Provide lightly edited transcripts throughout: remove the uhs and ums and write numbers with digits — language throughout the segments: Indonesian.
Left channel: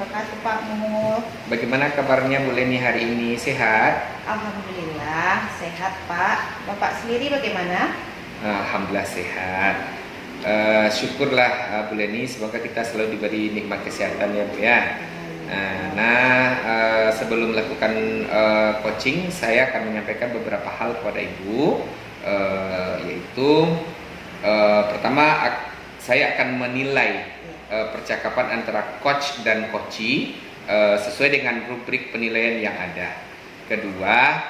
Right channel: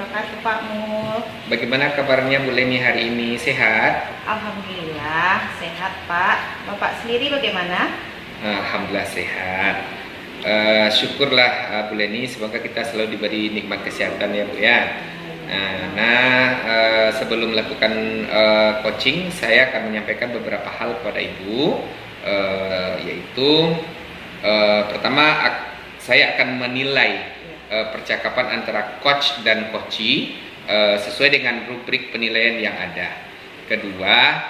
wabarakatuh Pak Mul. Bagaimana kabarnya Bu Leni hari ini? Sehat? Alhamdulillah sehat Pak. Bapak sendiri bagaimana? Alhamdulillah sehat. Syukurlah Bu Leni, semoga kita selalu diberi nikmat kesehatan ya Bu ya. Sebelum melakukan coaching, saya akan menyampaikan beberapa hal kepada Ibu, yaitu pertama saya akan menilai percakapan antara coach dan coachee sesuai dengan rubrik penilaian yang ada. Kedua,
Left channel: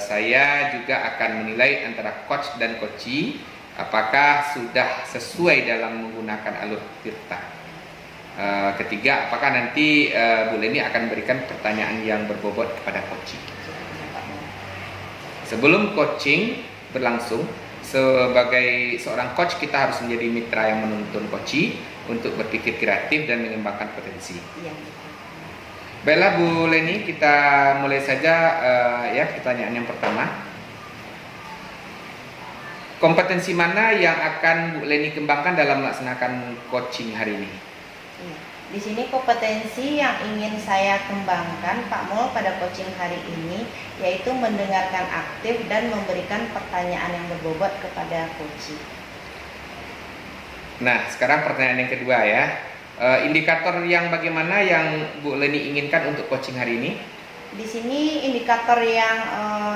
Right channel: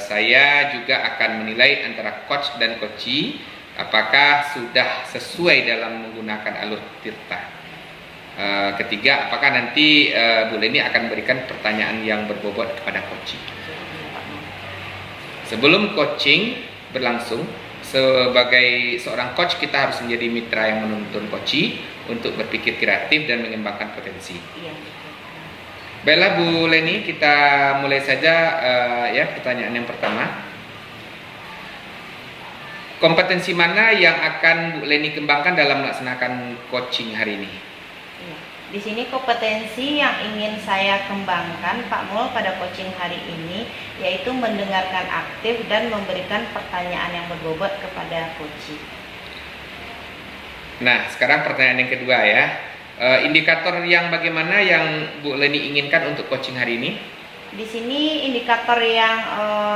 saya juga akan menilai antara coach dan coachee apakah sudah sesuai dalam menggunakan alur tirta. Ketiga, apakah nanti Bu Leni akan berikan pertanyaan yang berbobot kepada coachee. Sebelum coaching berlangsung, sebagai seorang coach kita harus menjadi mitra yang menuntun coachee untuk berpikir kreatif dan mengembangkan potensi. Iya. Baiklah Bu Leni, kita mulai saja ya pertanyaan yang pertama. Kompetensi mana yang akan Bu Leni kembangkan dalam melaksanakan coaching hari ini? Di sini kompetensi yang ingin saya kembangkan Pak Mul pada coaching hari ini yaitu mendengarkan aktif dan memberikan pertanyaan yang berbobot kepada coachee. Nah, sekarang pertanyaan yang kedua ya. Indikator yang bagaimana yang Bu Leni inginkan untuk coaching hari ini? Di sini indikator yang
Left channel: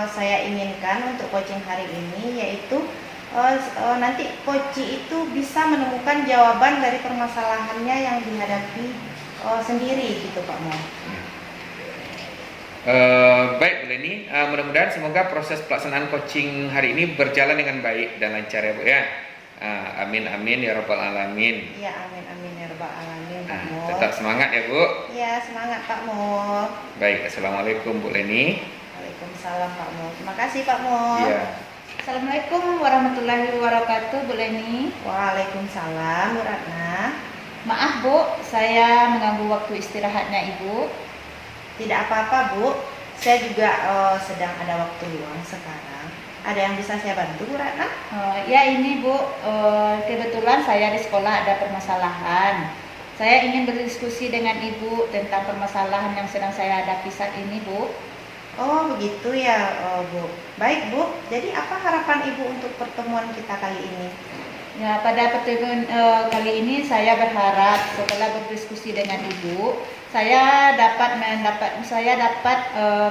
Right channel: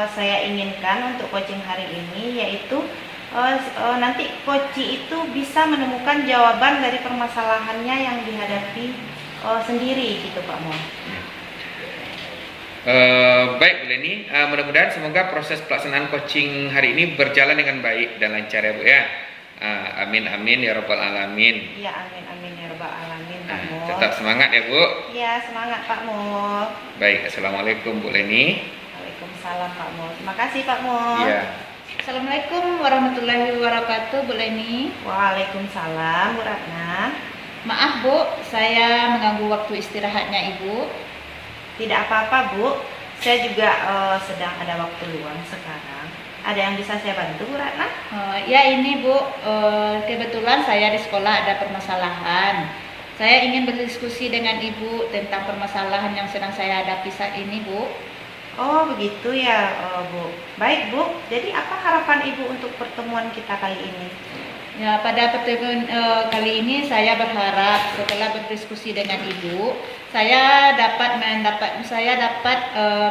saya inginkan untuk coaching hari ini yaitu nanti coachee itu bisa menemukan jawaban dari permasalahannya yang dihadapi sendiri gitu Pak Mo. Baik Bu Leni, mudah-mudahan semoga proses pelaksanaan coaching hari ini berjalan dengan baik dan lancar ya Bu ya. Amin amin ya rabbal alamin. Ya amin amin ya rabbal alamin Pak Mo. Tetap semangat ya Bu. Ya semangat Pak Mo. Baik, assalamualaikum Bu Leni. Waalaikumsalam Pak Mo. Terima kasih Pak Mo. Ya. Assalamualaikum warahmatullahi wabarakatuh, Bu Leni. Waalaikumsalam Bu Ratna. Maaf Bu, saya mengganggu waktu istirahatnya Ibu. Tidak apa-apa Bu, saya juga sedang ada waktu luang sekarang. Ada yang bisa saya bantu Bu Ratna? Ya ini Bu, kebetulan saya di sekolah ada permasalahan. Saya ingin berdiskusi dengan Ibu tentang permasalahan yang sedang saya hadapi saat ini Bu. Oh begitu ya Bu. Baik Bu, jadi apa harapan Ibu untuk pertemuan kita kali ini? Ya, pada pertemuan kali ini saya berharap setelah berdiskusi dengan Ibu, saya dapat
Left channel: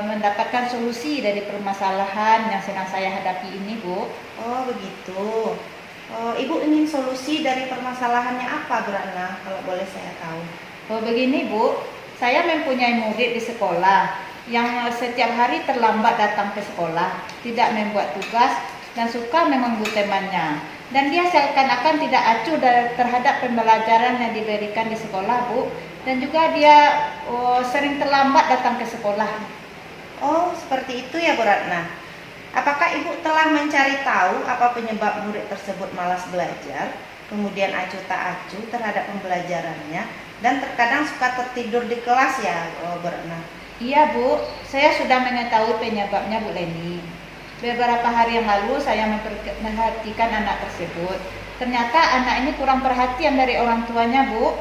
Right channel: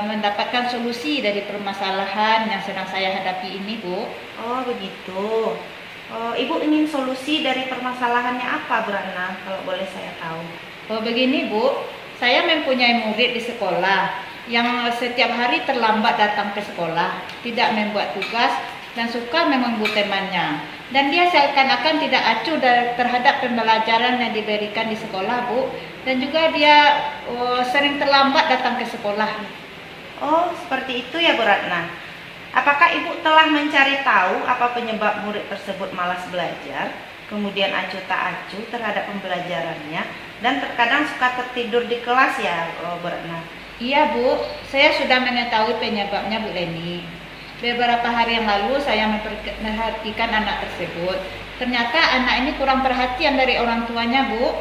mendapatkan solusi dari permasalahan yang sedang saya hadapi ini Bu. Oh begitu. Ibu ingin solusi dari permasalahannya apa Bu Ratna, kalau boleh saya tahu? Begini Bu, saya mempunyai murid di sekolah yang setiap hari terlambat datang ke sekolah, tidak membuat tugas dan suka mengganggu temannya. Dan dia seakan-akan tidak acuh terhadap pembelajaran yang diberikan di sekolah, Bu. Dan juga dia sering terlambat datang ke sekolah. Oh, seperti itu ya Bu Ratna. Apakah Ibu telah mencari tahu apa penyebab murid tersebut malas belajar, kemudian acuh tak acuh terhadap pembelajarannya, dan terkadang suka tertidur di kelas ya, Bu Ratna? Iya Bu, saya sudah mengetahui penyebabnya Bu Leni. Beberapa hari yang lalu saya memperhatikan anak tersebut. Ternyata anak ini kurang perhatian dari orang tuanya Bu.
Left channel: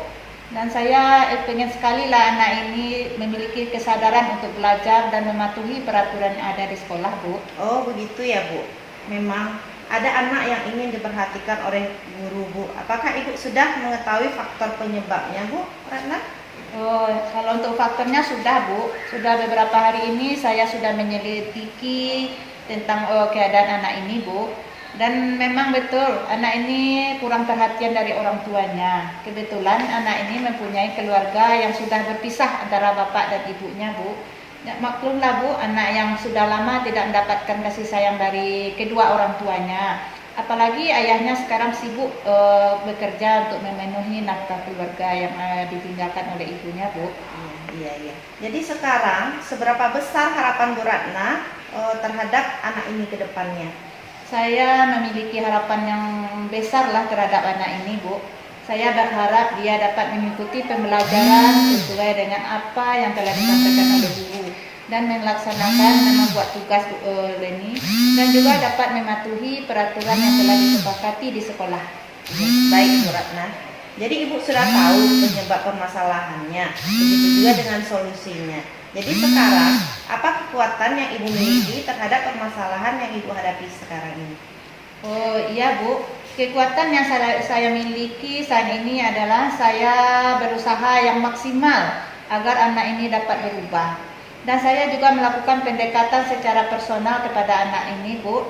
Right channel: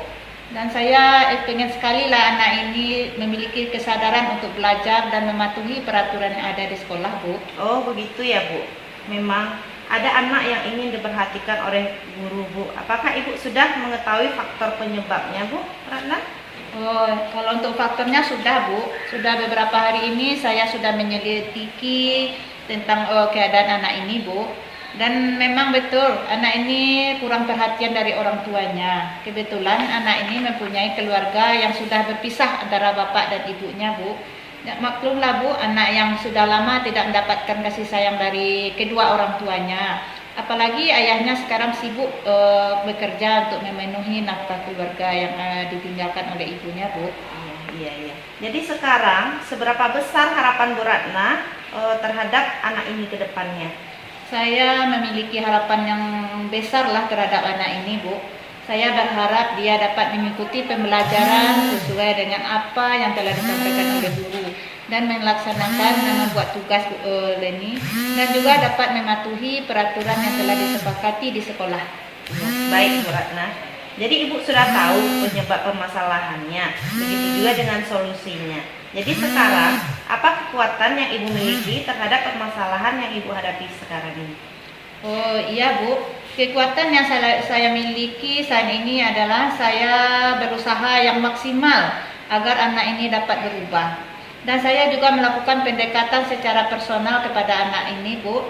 Dan saya ingin sekali lah anak ini memiliki kesadaran untuk belajar dan mematuhi peraturan yang ada di sekolah Bu. Oh begitu ya Bu. Memang ada anak yang ingin diperhatikan oleh guru Bu. Apakah Ibu sudah mengetahui faktor penyebabnya Bu Ratna? Oh, kalau untuk faktornya sudah Bu, sudah beberapa hari ini saya sudah menyelidiki tentang keadaan anak ini Bu. Dan memang betul anak ini kurang perhatian dari orang tuanya. Kebetulan anak ini mempunyai keluarga yang sudah berpisah antara bapak dan ibunya Bu. Ya, maklumlah Bu, anak yang sudah lama tidak mendapatkan kasih sayang dari kedua orang tuanya. Apalagi ayahnya sekarang sibuk bekerja untuk memenuhi nafkah keluarga yang ditinggalkan oleh ibunya Bu. Iya. Jadi sekarang seberapa besar harapan Bu Ratna terhadap anak ini ke depannya? Saya memiliki harapan yang besar lah terhadap anak ini Bu. Saya berharap dia dapat mengikuti pembelajaran sesuai dengan apa yang telah disampaikan oleh guru dan melaksanakan membuat tugas Leni dan juga dapat mematuhi peraturan yang telah disepakati di sekolah. Baik Bu Ratna. Jadi Ibu sudah tahu penyebab permasalahannya, begitu juga dengan solusinya. Jadi sekarang, apa kekuatan yang Ibu miliki terhadap permasalahan yang Ibu hadapi sekarang ini? Oh iya Bu, kekuatan yang saya miliki saat ini adalah saya berusaha yang maksimal agar anak ini dapat berubah. Dan saya juga melakukan pendekatan secara personal kepada anak ini Bu.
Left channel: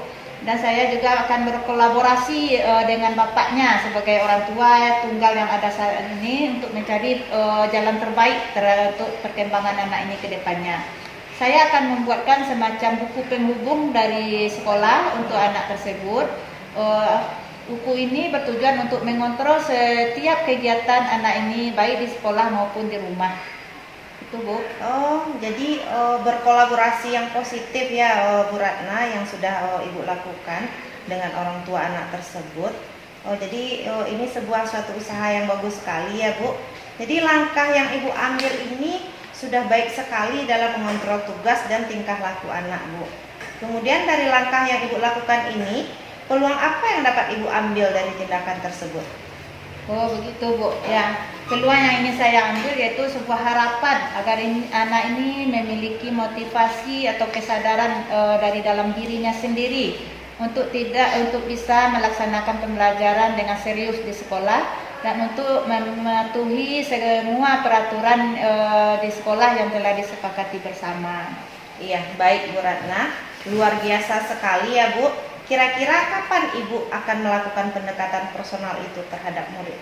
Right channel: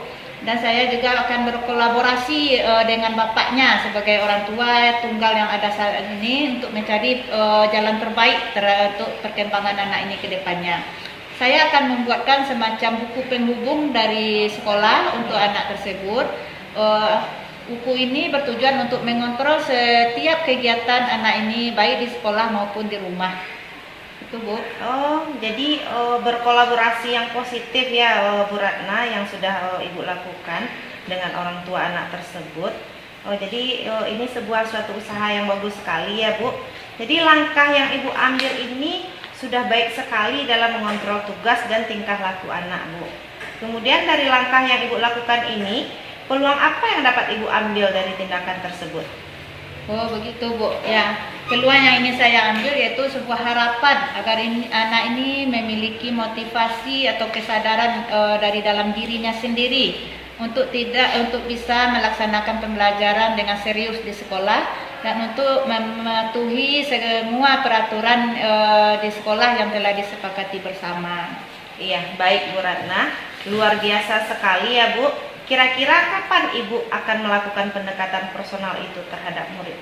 Dan saya juga akan berkolaborasi dengan bapaknya sebagai orang tua tunggal yang ada saat ini untuk mencari jalan terbaik untuk perkembangan anak ini ke depannya. Saya akan membuatkan semacam buku penghubung dari sekolah untuk anak tersebut. Buku ini bertujuan untuk mengontrol setiap kegiatan anak ini baik di sekolah maupun di rumah. Itu Bu. Oh, jadi berkolaborasi yang positif ya Bu Ratna yang sudah Ibu lakukan dengan orang tua anak tersebut. Jadi ini suatu usaha yang bagus sekali ya Bu. Jadi langkah yang Ibu ambil ini sudah baik sekali dalam mengontrol tugas dan tingkah laku anak Bu. Kemudian dari langkah yang Ibu lakukan ini, peluang apa yang dapat Ibu ambil dari tindakan tersebut? Oh begitu Bu. Ya, peluang yang ini saya ambil yaitu sebuah harapan agar anak ini memiliki motivasi atau kesadaran dari dalam dirinya sendiri untuk bisa melaksanakan pembelajaran dengan serius di sekolah dan untuk mematuhi semua peraturan di sekolah yang telah disepakati bersama. Iya, baik Bu Ratna, luar biasa sekali ya Bu. Kira-kira kapan Ibu akan melakukan pendekatan personal itu terhadap murid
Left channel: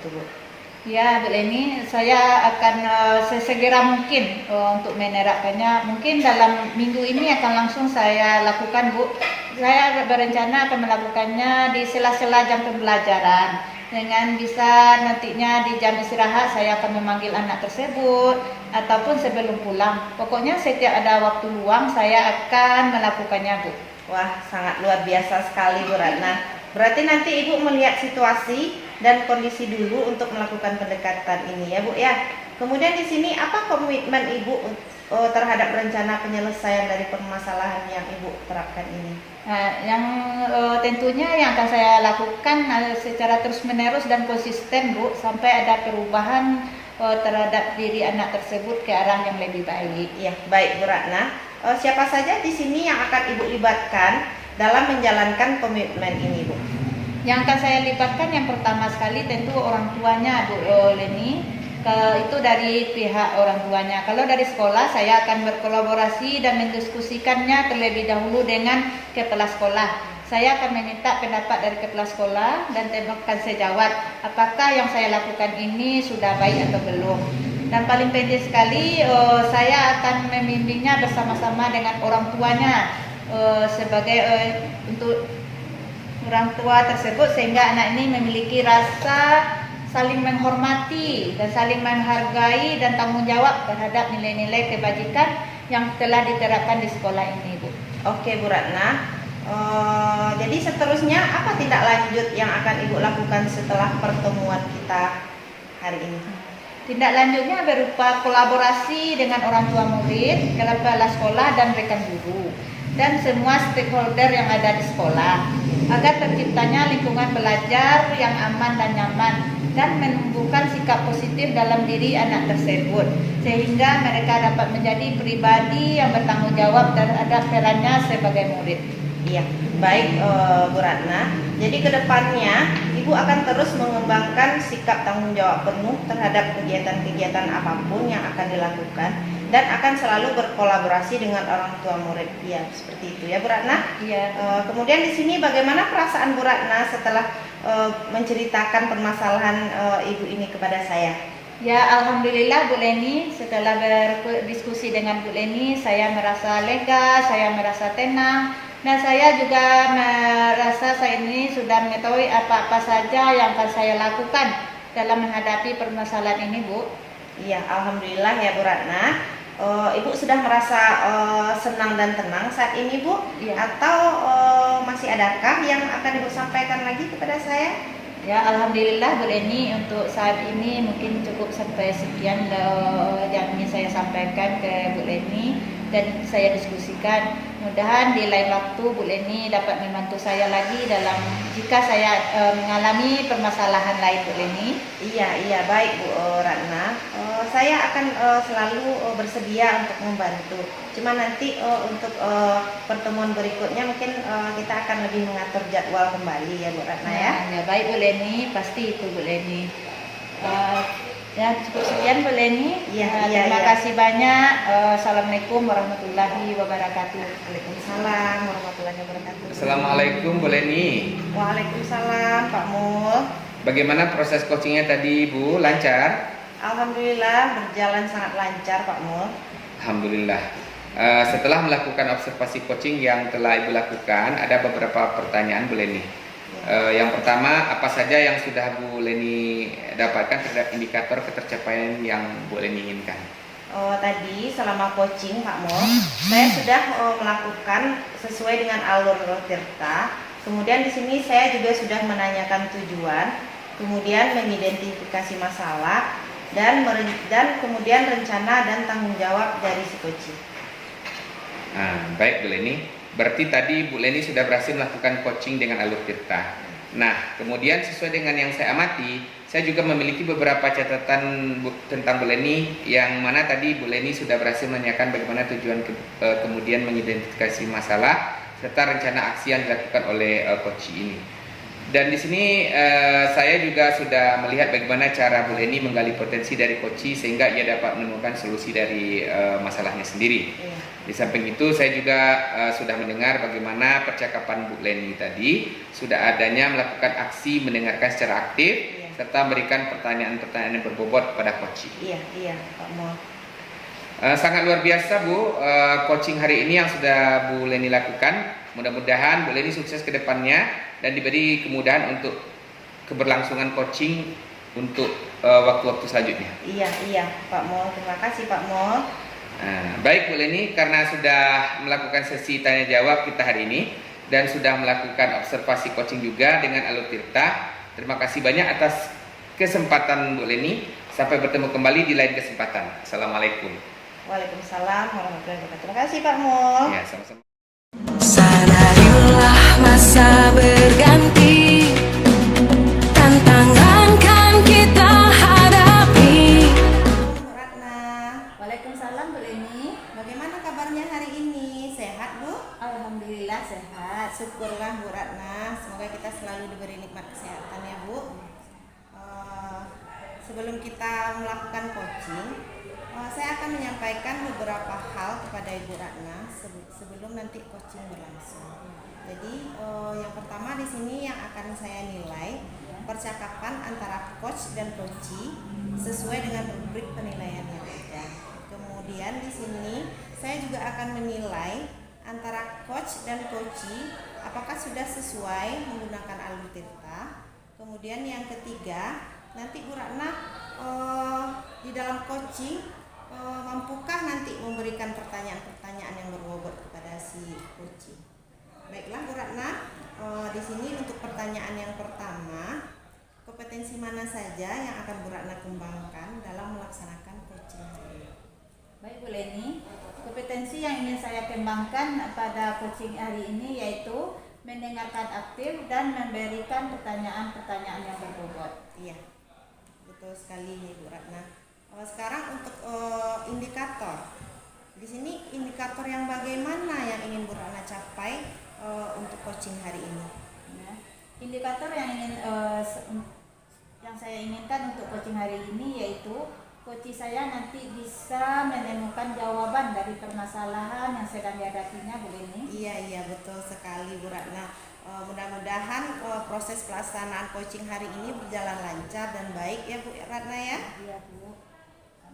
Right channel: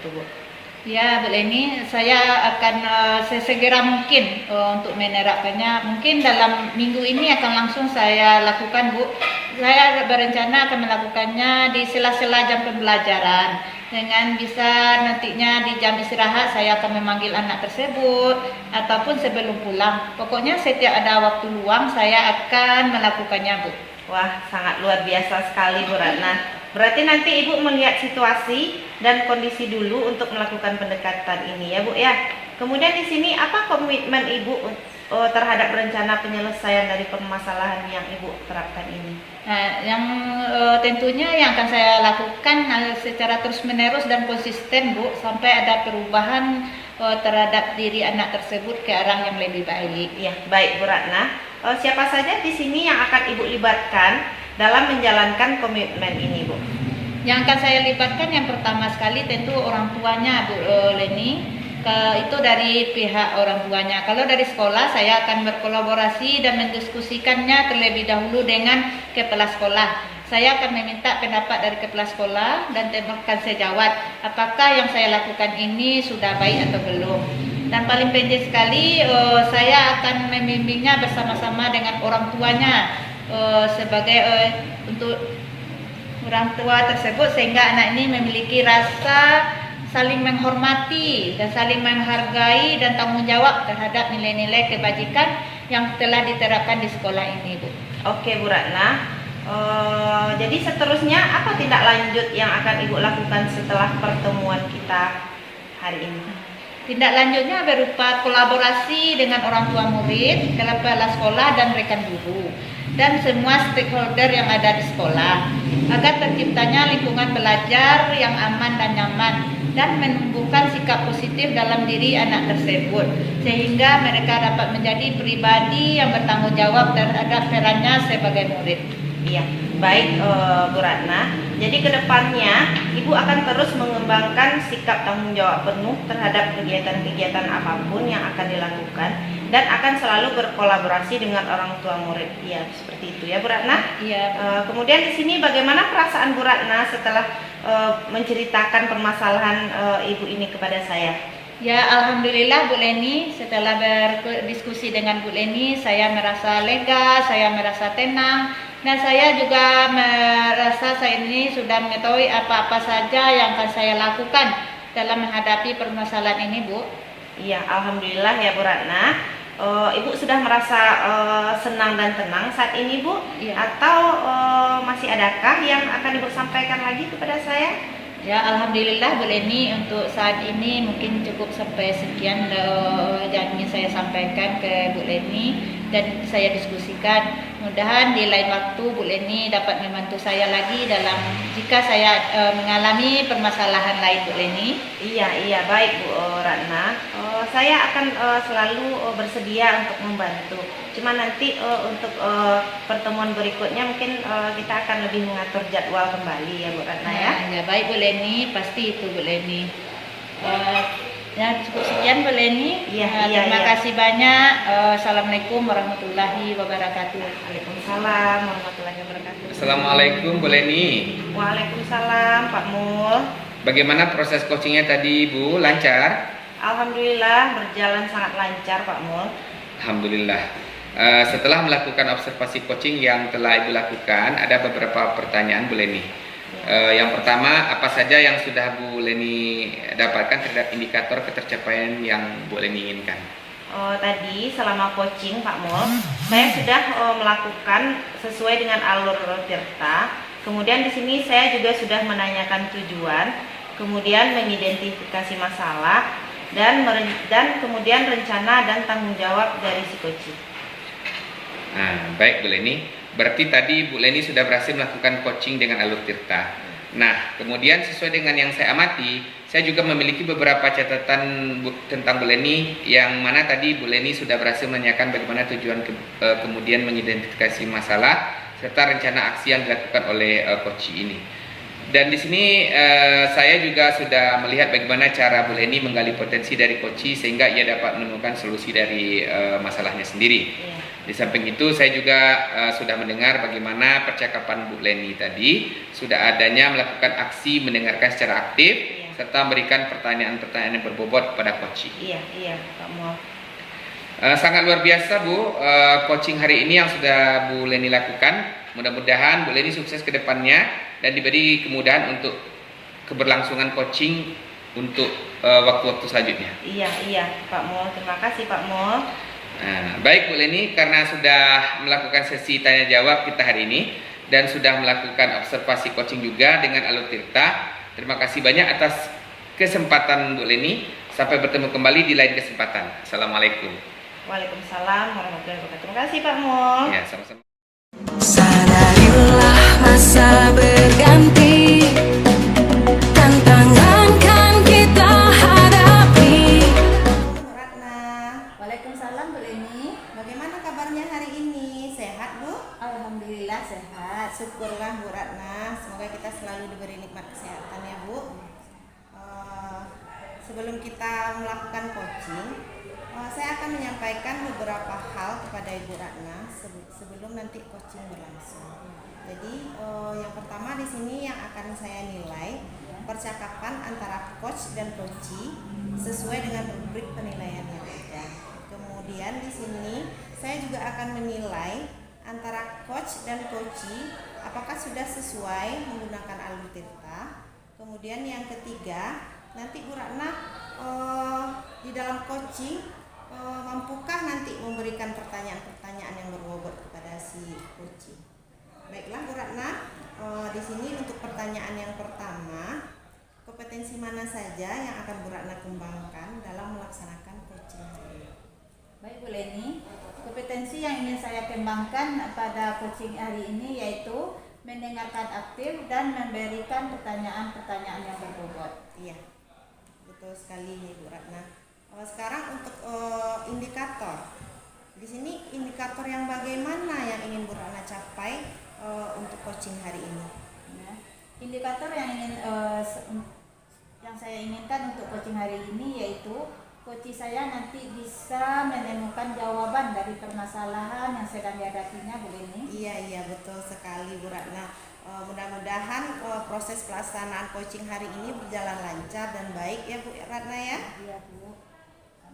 itu Bu? Ya Bu Leni, saya akan sesegera mungkin untuk menerapkannya. Mungkin dalam minggu ini akan langsung saya lakukan Bu. Saya berencana akan melakukannya di sela-sela jam pembelajaran. Dengan bisa nantinya di jam istirahat saya akan memanggil anak tersebut ataupun sebelum pulang. Pokoknya setiap ada waktu luang saya akan melakukannya Bu. Wah, sangat luar biasa sekali Bu Ratna. Berarti nanti Ibu melihat situasi dan kondisi dulu untuk melakukan pendekatan ini ya Bu ya. Kemudian di sini apa komitmen Ibu terhadap rencana penyelesaian dari permasalahan yang Ibu terapkan ini? Nah, yang tentunya yang akan saya lakukan secara terus-menerus dan konsisten Bu sampai ada perubahan terhadap diri anak tersebut ke arah yang lebih baik. Ya, baik Bu Ratna. Siapa saja di sini yang akan Ibu libatkan dalam menjalankan komitmen ini Bu? Yang akan saya libatkan yang pertama sekali tentu orang tuanya Bu Leni. Itu dari pihak orang tuanya. Kalau dari sekolah saya akan berkolaborasi dan mendiskusikannya terlebih dahulu dengan kepala sekolah. Saya akan meminta pendapat dari kepala sekolah dan akan saya jawab apakah yang saya lakukan ini sudah baik atau belum. Dan paling penting sekali saya akan membimbingnya bersama-sama dengan orang tuanya sebagai untuk orang tua tersebut sehingga anak ini memiliki rasa saling menghormati dan saling menghargai dan tanggung jawab terhadap nilai-nilai kebajikan yang telah diterapkan di sekolah ini Bu. Oke Bu Ratna. Jadi seterusnya apa tindak lanjut yang akan Ibu lakukan setelah pertemuan kita hari ini? Tindak lanjutnya berupa kolaborasi dengan orang tua murid, kepala sekolah dan rekan guru dan semua stakeholder yang ada di sekolah agar terciptanya lingkungan belajar yang aman dan nyaman dan menumbuhkan sikap positif dalam diri anak tersebut sehingga mereka dapat menjadi pribadi yang bertanggung jawab terhadap perannya sebagai murid. Iya, baik Bu Ratna. Jadi kedepannya Ibu akan terus mengembangkan sikap tanggung jawab penuh terhadap kegiatan-kegiatan apapun yang akan dilakukan dan akan selalu berkolaborasi dengan orang tua murid. Iya, seperti itu ya Bu Ratna. Iya. Kemudian di sini bagaimana perasaan Bu Ratna setelah menceritakan permasalahan Ibu ini kepada saya? Ya Alhamdulillah Bu Leni, setelah berdiskusi dengan Bu Leni saya merasa lega, saya merasa tenang dan saya juga merasa saya ini sudah mengetahui apa-apa saja yang akan saya lakukan dalam menghadapi permasalahan ini Bu. Iya, Alhamdulillah ya Bu Ratna. Ibu sudah merasa senang dan tenang saat ini Bu? Iya. Atau masih adakah yang akan Ibu sampaikan lagi kepada saya? Ya Alhamdulillah Bu Leni, untuk saat ini mungkin cukup sampai sekian yang ingin saya sampaikan ke Bu Leni. dan saya diskusikan. Mudahan di lain waktu Bu Leni dapat membantu saya lagi dalam jika saya mengalami permasalahan lain, Bu Leni. Iya, baik Bu Ratna. Saya akan selalu bersedia untuk membantu. Cuma nanti untuk pertemuan berikutnya mungkin kita akan lebih mengatur jadwal kembali ya Bu Ratna ya. Ya, baik Bu Leni, pasti itu Bu Leni. Ya cukup sekian Bu Leni. Terima kasih banyak. Assalamualaikum warahmatullahi wabarakatuh. Waalaikumsalam warahmatullahi wabarakatuh. Assalamualaikum Bu Leni. Waalaikumsalam Pak Mul. Bagaimana proses coachingnya tadi Bu? Lancar? Alhamdulillah berjalan sangat lancar Pak Mul. Alhamdulillah. Setelah melakukan observasi coaching yang telah Ibu lakukan, ada beberapa pertanyaan Bu Leni. Yang pertama, apa saja yang sudah Bu Leni dapatkan terhadap indikator ketercapaian yang Bu Leni inginkan? Tadi selama coaching Pak Mul, saya sudah melakukan sesuai dengan alur Tirta. Kemudian di sini saya juga sudah menanyakan tujuan, kemudian mengidentifikasi masalah, dan kemudian rencana dan tanggung jawab dari si coaching. Baik Bu Leni. Berarti tadi Bu Leni sudah berhasil melakukan coaching dengan alur Tirta. Nah, kemudian sesuai dengan yang saya amati, saya juga memiliki beberapa catatan tentang Bu Leni, yang mana tadi Bu Leni sudah berhasil menanyakan bagaimana tujuan kemudian mengidentifikasi masalah serta rencana aksi yang dilakukan oleh coach ini. Dan di sini saya juga sudah melihat bagaimana cara Bu Leni menggali potensi dari coach sehingga ia dapat menemukan solusi dari masalahnya sendiri. Iya. Di samping itu saya juga sudah mendengar bagaimana percakapan Bu Leni tadi sudah adanya melakukan aksi mendengarkan secara aktif serta memberikan pertanyaan-pertanyaan yang berbobot kepada coach. Iya Pak Mul. Sangat luar biasa Bu, coaching hari ini yang sudah Bu Leni lakukan. Mudah-mudahan Bu Leni sukses ke depannya dan diberi kemudahan untuk keberlangsungan coaching untuk waktu-waktu selanjutnya. Iya Pak Mul, terima kasih Pak Mul. Baik Bu Leni, karena sudah melakukan sesi tanya jawab kita hari ini dan sudah melakukan observasi coaching juga dengan alur Tirta, terima kasih banyak atas kesempatan Bu Leni. Sampai bertemu kembali di lain kesempatan. Assalamualaikum. Waalaikumsalam warahmatullahi wabarakatuh. Terima kasih Pak Mul. Ya, sama-sama. Sadarilah masa berganti, tantangan kan kita hadapi. Bu Ratna, Waalaikumsalam Bu Leni. bagaimana kabarnya hari ini? Sehat Bu? Alhamdulillah sehat. Syukurlah Bu Ratna, semoga kita selalu diberi nikmat kesehatan ya Bu. Sebelum kita melakukan coaching, saya akan menyampaikan beberapa hal kepada Ibu Ratna sebelum nanti coaching berlangsung. Jadi yang pertama di sini yang akan saya nilai percakapan antara coach dan coachee sesuai dengan rubrik penilaian yang ada. Kemudian di sini saya juga akan menilai antara coach dan coachee apakah sudah sesuai menggunakan alur Tirta. Kemudian yang ketiga, nanti Bu Ratna di dalam coaching mampukah nanti memberikan pertanyaan-pertanyaan yang berbobot kepada si coaching. Baiklah Bu Ratna, di sini untuk pertanyaan yang pertama, kompetensi mana saja yang akan Bu Ratna kembangkan dalam melaksanakan coaching hari ini? Baik Bu Leni, kompetensi yang ingin saya kembangkan pada coaching hari ini yaitu mendengarkan aktif dan memberikan pertanyaan-pertanyaan yang berbobot. Iya, betul sekali Bu Ratna. Sekarang untuk indikator, di sini indikator yang bagaimana yang ingin Bu Ratna capai untuk coaching hari ini? Ya. Indikator yang saya inginkan untuk coaching hari ini yaitu coach saya nanti bisa menemukan jawaban dari permasalahan yang sedang dihadapinya Bu Leni. Iya betul sekali Bu Ratna. Mudah-mudahan proses pelaksanaan coaching hari ini berjalan lancar dan baik ya Bu Ratna ya. Iya Bu.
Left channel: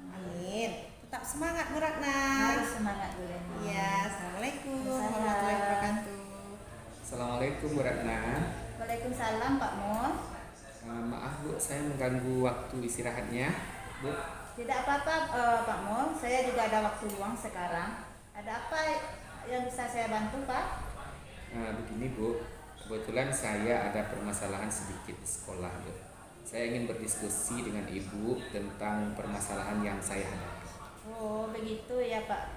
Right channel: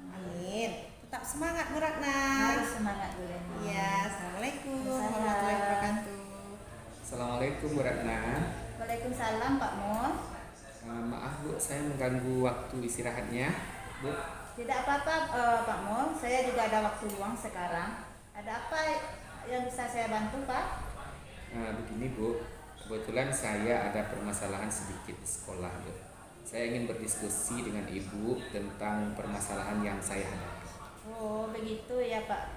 Amin. Tetap semangat Bu Ratna. Harus semangat Bu Leni. Iya, assalamualaikum Waalaikumsalam. warahmatullahi wabarakatuh. Assalamualaikum Bu Ratna. Waalaikumsalam Pak Mul. Maaf Bu, saya mengganggu waktu istirahatnya Bu. Tidak apa-apa Pak Mul, saya juga ada waktu luang sekarang. Ada apa yang bisa saya bantu Pak? Begini Bu, kebetulan saya ada permasalahan sedikit di sekolah Bu. Saya ingin berdiskusi dengan Ibu tentang permasalahan yang saya hadapi. Oh begitu ya Pak.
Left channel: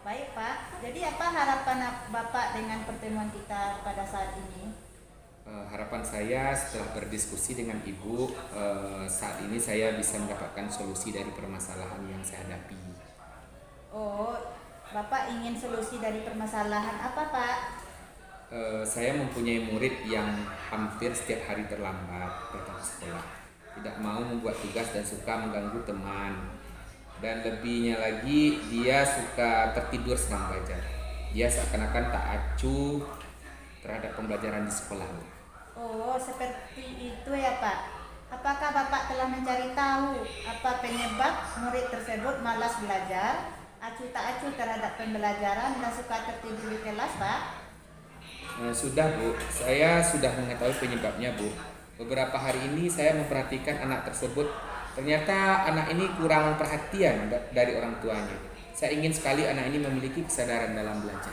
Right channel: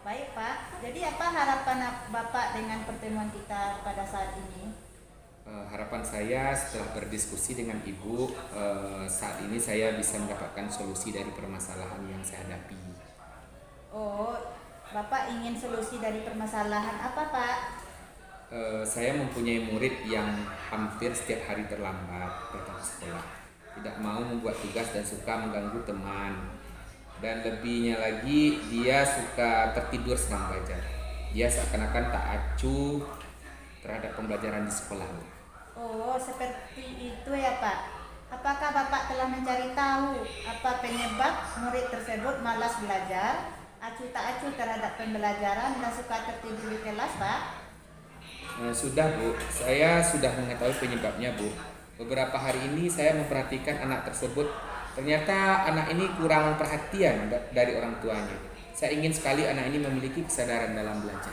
Baik Pak, jadi apa harapan Bapak dengan pertemuan kita pada saat ini? Harapan saya setelah berdiskusi dengan Ibu, saat ini saya bisa mendapatkan solusi dari permasalahan yang saya hadapi. Oh, Bapak ingin solusi dari permasalahan apa Pak? Saya mempunyai murid yang hampir setiap hari terlambat datang ke sekolah, tidak mau membuat tugas dan suka mengganggu teman. Dan lebihnya lagi, dia suka tertidur sedang belajar. Dia seakan-akan tak acuh terhadap pembelajaran di sekolah. Oh, seperti itu ya Pak. Apakah Bapak telah mencari tahu apa penyebab murid tersebut malas belajar, acuh tak acuh terhadap pembelajaran dan suka tertidur di kelas Pak? Sudah Bu, saya sudah mengetahui penyebabnya Bu. Beberapa hari ini saya memperhatikan anak tersebut. Ternyata anak ini kurang perhatian dari orang tuanya. Saya ingin sekali anak ini memiliki kesadaran dalam belajar.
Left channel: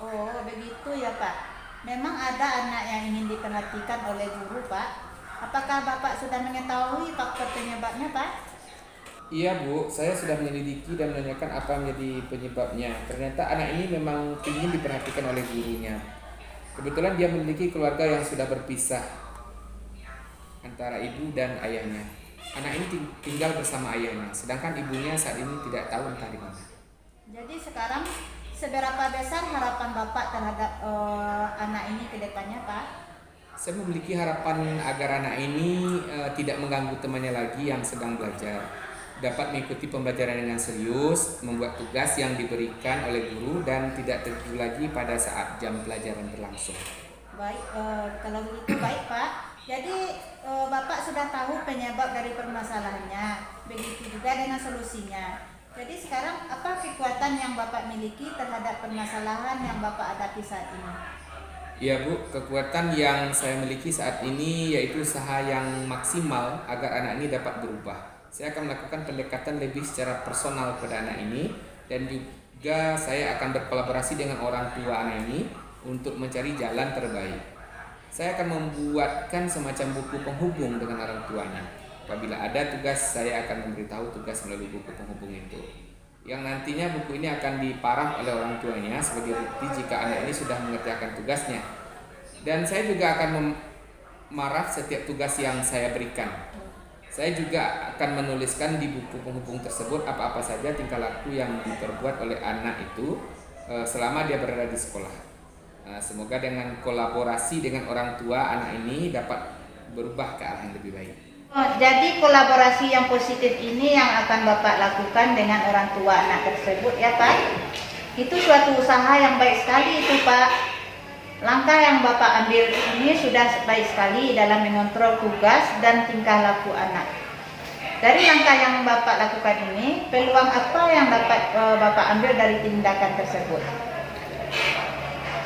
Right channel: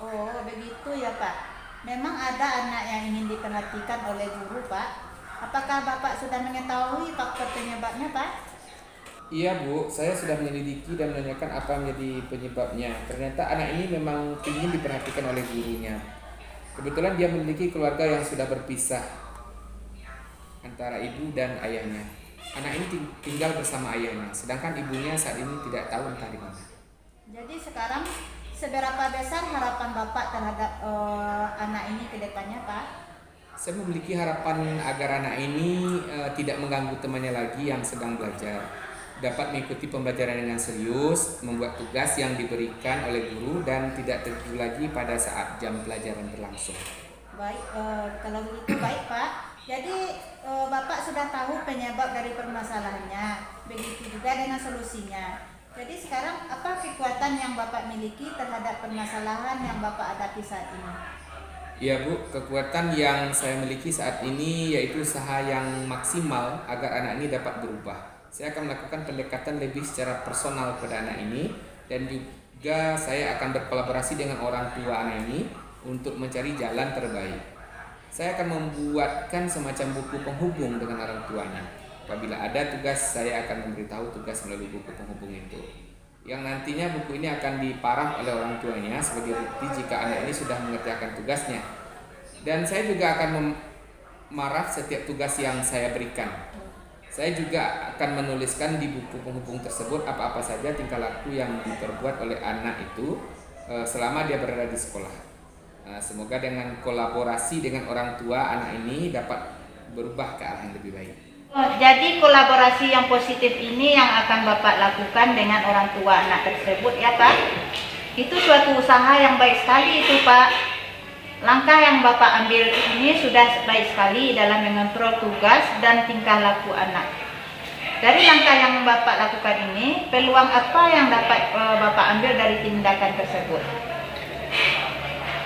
Oh, begitu ya Pak. Memang ada anak yang ingin diperhatikan oleh guru Pak. Apakah Bapak sudah mengetahui faktor penyebabnya Pak? Iya Bu, saya sudah menyelidiki dan menanyakan apa menjadi penyebabnya. Ternyata anak ini memang ingin diperhatikan oleh gurunya. Kebetulan dia memiliki keluarga yang sudah berpisah antara ibu dan ayahnya. Anak ini tinggal bersama ayahnya, sedangkan ibunya saat ini tidak tahu entah di mana. Jadi sekarang seberapa besar harapan Bapak terhadap anak ini ke depannya Pak? Saya memiliki harapan agar anak ini tidak mengganggu temannya lagi yang sedang belajar, dapat mengikuti pembelajaran dengan serius, membuat tugas yang diberikan oleh guru dan tidak terganggu lagi pada saat jam pelajaran berlangsung. Baik, kalau begitu baik Pak. Jadi Bapak sudah tahu penyebab dari permasalahannya, begitu juga dengan solusinya. Jadi sekarang apa kekuatan yang Bapak miliki terhadap permasalahan yang Bapak hadapi saat ini? Ya Bu, kekuatan yang saya miliki saat ini yaitu usaha yang maksimal agar anak ini dapat berubah. Saya akan melakukan pendekatan lebih secara personal pada anak ini dan juga saya akan berkolaborasi dengan orang tua anak ini untuk mencari jalan terbaik. Saya akan membuatkan semacam buku penghubung dengan orang tuanya. Apabila ada tugas, saya akan memberitahu tugas melalui buku penghubung itu. Yang nantinya buku ini akan diparaf oleh orang tuanya sebagai bukti jika anak ini sudah mengerjakan tugasnya. Dan saya juga akan memaraf setiap tugas yang saya berikan. Saya juga akan menuliskan di buku penghubung tersebut apa-apa saja tingkah laku yang diperbuat oleh anak itu selama dia berada di sekolah. Semoga dengan kolaborasi dengan orang tua anak ini dapat berubah ke arah yang lebih baik. Oh, jadi kolaborasi yang positif ini yang akan Bapak lakukan dengan orang tua anak tersebut ya Pak? Itu suatu usaha yang baik sekali itu Pak. Langkah yang Bapak ambil ini sudah baik sekali dalam mengontrol tugas dan tingkah laku anak. Dari langkah yang Bapak lakukan ini, peluang apa yang dapat Bapak ambil dari tindakan tersebut?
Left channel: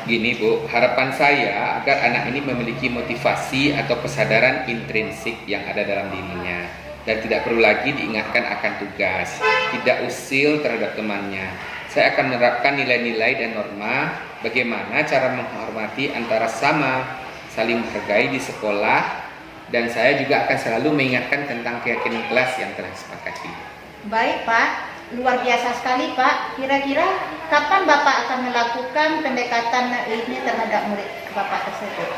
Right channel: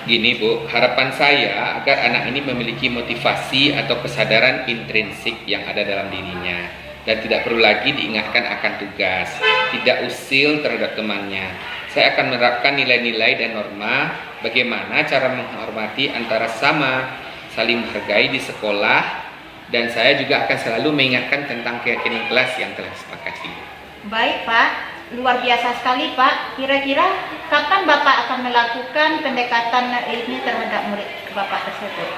Gini Bu, harapan saya agar anak ini memiliki motivasi atau kesadaran intrinsik yang ada dalam dirinya dan tidak perlu lagi diingatkan akan tugas, tidak usil terhadap temannya. Saya akan menerapkan nilai-nilai dan norma bagaimana cara menghormati antara sama, saling menghargai di sekolah, dan saya juga akan selalu mengingatkan tentang keyakinan kelas yang telah disepakati. Baik Pak, luar biasa sekali Pak. Kira-kira kapan Bapak akan melakukan pendekatan ini terhadap murid Bapak tersebut?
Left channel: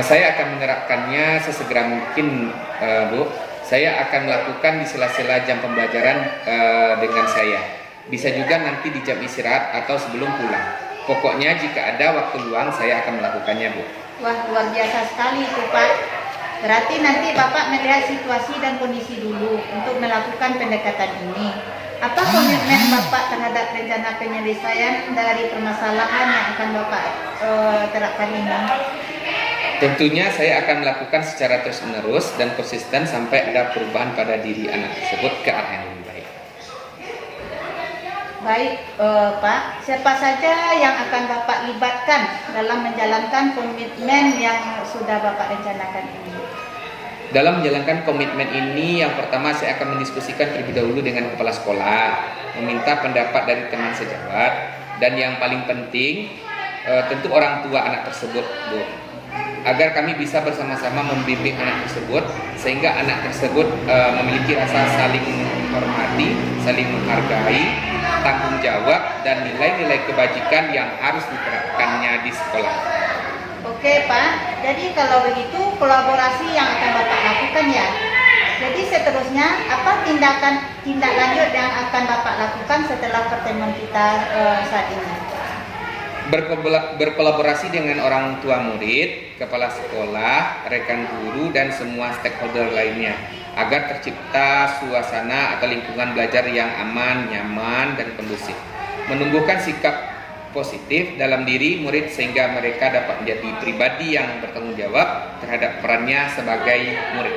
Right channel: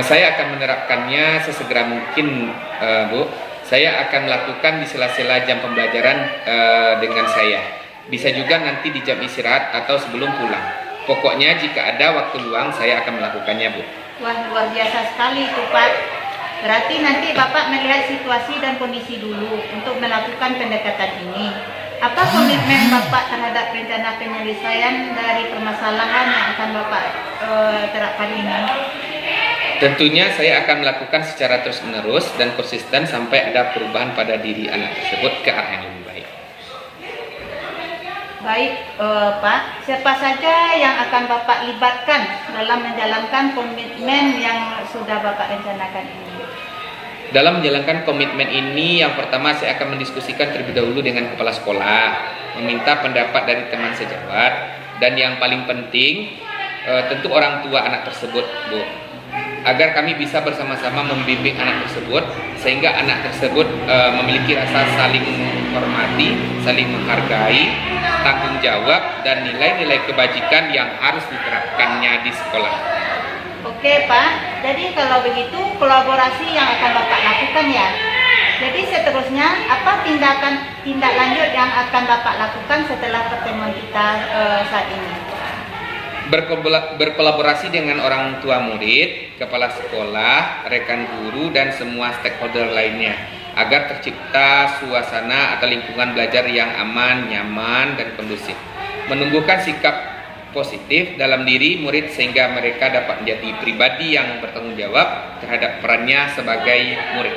Saya akan menerapkannya sesegera mungkin Bu. Saya akan melakukan di sela-sela jam pembelajaran dengan saya. Bisa juga nanti di jam istirahat atau sebelum pulang. Pokoknya jika ada waktu luang saya akan melakukannya Bu. Wah, luar biasa sekali itu Pak. Berarti nanti Bapak melihat situasi dan kondisi dulu untuk melakukan pendekatan ini. Apa komitmen Bapak terhadap rencana penyelesaian dari permasalahan yang akan Bapak terapkan ini? Tentunya saya akan melakukan secara terus-menerus dan konsisten sampai ada perubahan pada diri anak tersebut ke arah yang lebih baik. Baik Pak, siapa saja yang akan Bapak libatkan dalam menjalankan komitmen yang sudah Bapak rencanakan ini? Dalam menjalankan komitmen ini, yang pertama saya akan mendiskusikan terlebih dahulu dengan kepala sekolah, meminta pendapat dari teman sejawat, dan yang paling penting tentu orang tua anak tersebut Bu. agar kami bisa bersama-sama membimbing anak tersebut sehingga anak tersebut memiliki rasa saling menghormati, saling menghargai, tanggung jawab dan nilai-nilai kebajikan yang harus diterapkannya di sekolah. Oke Pak, jadi kalau begitu kolaborasi yang akan Bapak lakukan ya. Jadi seterusnya apa tindak lanjut yang akan Bapak lakukan setelah pertemuan kita saat ini? Berkolaborasi dengan orang tua murid, kepala sekolah, rekan guru, dan semua stakeholder lainnya agar tercipta suasana atau lingkungan belajar yang aman, nyaman, dan kondusif. Menumbuhkan sikap positif dalam diri murid sehingga mereka dapat menjadi pribadi yang bertanggung jawab terhadap perannya sebagai murid.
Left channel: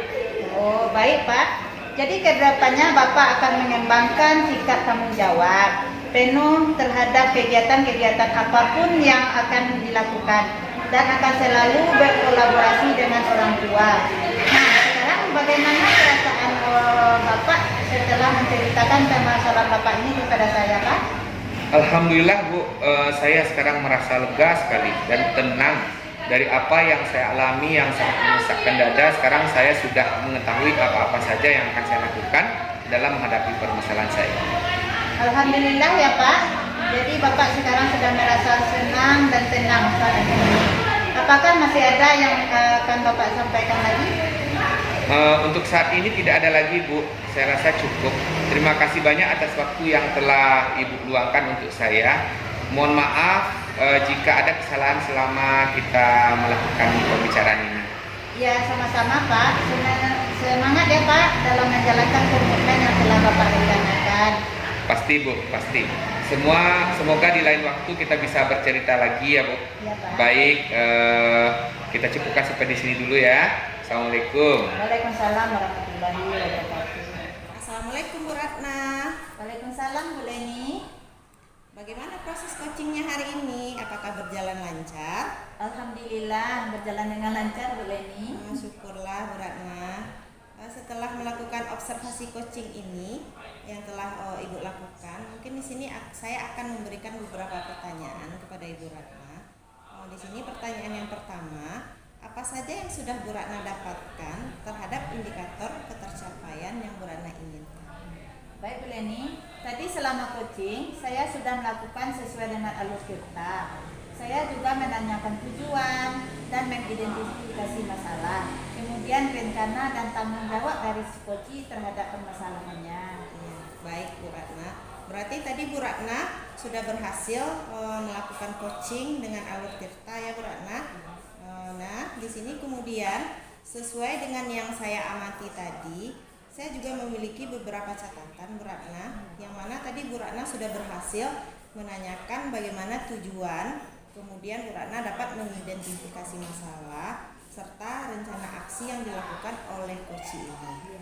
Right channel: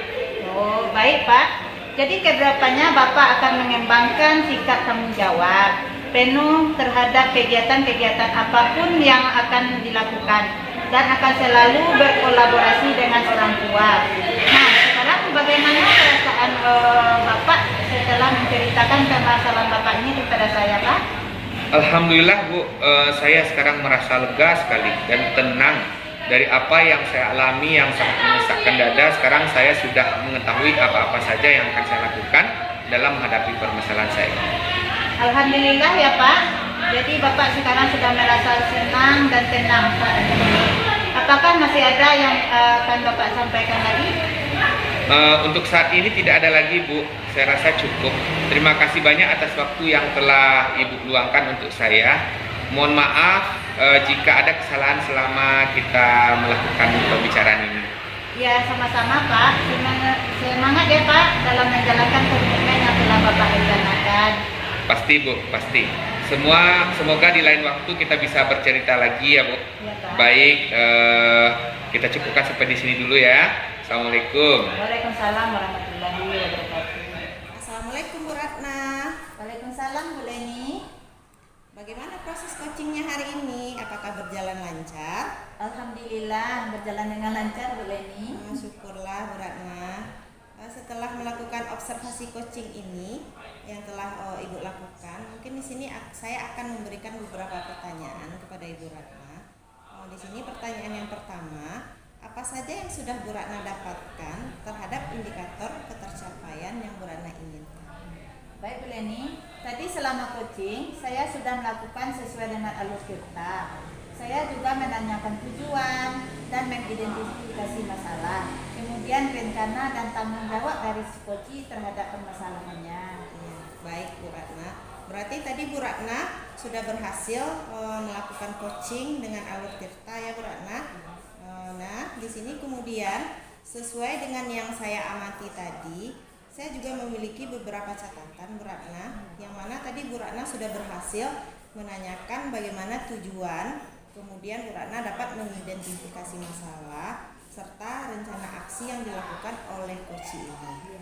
Oh baik Pak, jadi kedepannya Bapak akan mengembangkan sikap tanggung jawab penuh terhadap kegiatan-kegiatan apapun yang akan dilakukan dan akan selalu berkolaborasi dengan orang tua. Nah, sekarang bagaimana perasaan Bapak setelah menceritakan permasalahan Bapak ini kepada saya, Pak? Alhamdulillah Bu, saya sekarang merasa lega sekali dan tenang dari apa yang saya alami yang sangat menyesakkan dada. Sekarang saya sudah mengetahui apa-apa saja yang akan saya lakukan dalam menghadapi permasalahan saya. Alhamdulillah ya Pak. Jadi Bapak sekarang sudah merasa senang dan tenang saat ini. Apakah masih ada yang akan Bapak sampaikan lagi? Untuk saat ini tidak ada lagi Bu. Saya rasa cukup. Terima kasih banyak atas waktu yang telah Ibu luangkan untuk saya. Mohon maaf jika ada kesalahan selama kita melakukan pembicaraan ini. Ya sama-sama Pak. Semangat ya Pak dalam menjalankan komitmen yang telah Bapak rencanakan. Pasti Bu, pasti. Semoga di lain waktu kita bisa bercerita lagi ya Bu. Ya, Pak. Baik, kita cukupkan sampai di sini dulu ya. Assalamualaikum. Waalaikumsalam warahmatullahi wabarakatuh. Assalamualaikum Bu Ratna. Waalaikumsalam Bu Leni. Bagaimana proses coachingnya hari ini? Apakah berjalan lancar? Alhamdulillah berjalan dengan lancar Bu Leni. Syukurlah Bu Ratna. Setelah melakukan observasi coaching ini yang telah Ibu lakukan, mungkin di sini saya akan memberikan beberapa pertanyaan kepada Ibu Ratna. Di sini pertanyaan yang pertama, apa saja yang sudah Bu Ratna dapatkan terhadap indikator ketercapaian yang Bu Ratna inginkan? Baik Bu Leni, tadi selama coaching saya sudah melakukan sesuai dengan alur kita. Saya juga menanyakan tujuan dan mengidentifikasi masalah, kemudian rencana dan tanggung jawab dari si coach terhadap permasalahannya. Ya, baik Bu Ratna. Berarti tadi Bu Ratna sudah berhasil melakukan coaching dengan alur tirta ya Bu Ratna. Nah, di sini kemudian sesuai dengan yang saya amati tadi, saya juga memiliki beberapa catatan Bu Ratna, yang mana tadi Bu Ratna sudah berhasil menanyakan bagaimana tujuan. Kemudian Bu Ratna dapat mengidentifikasi masalah serta rencana aksi yang dilakukan oleh coach ini.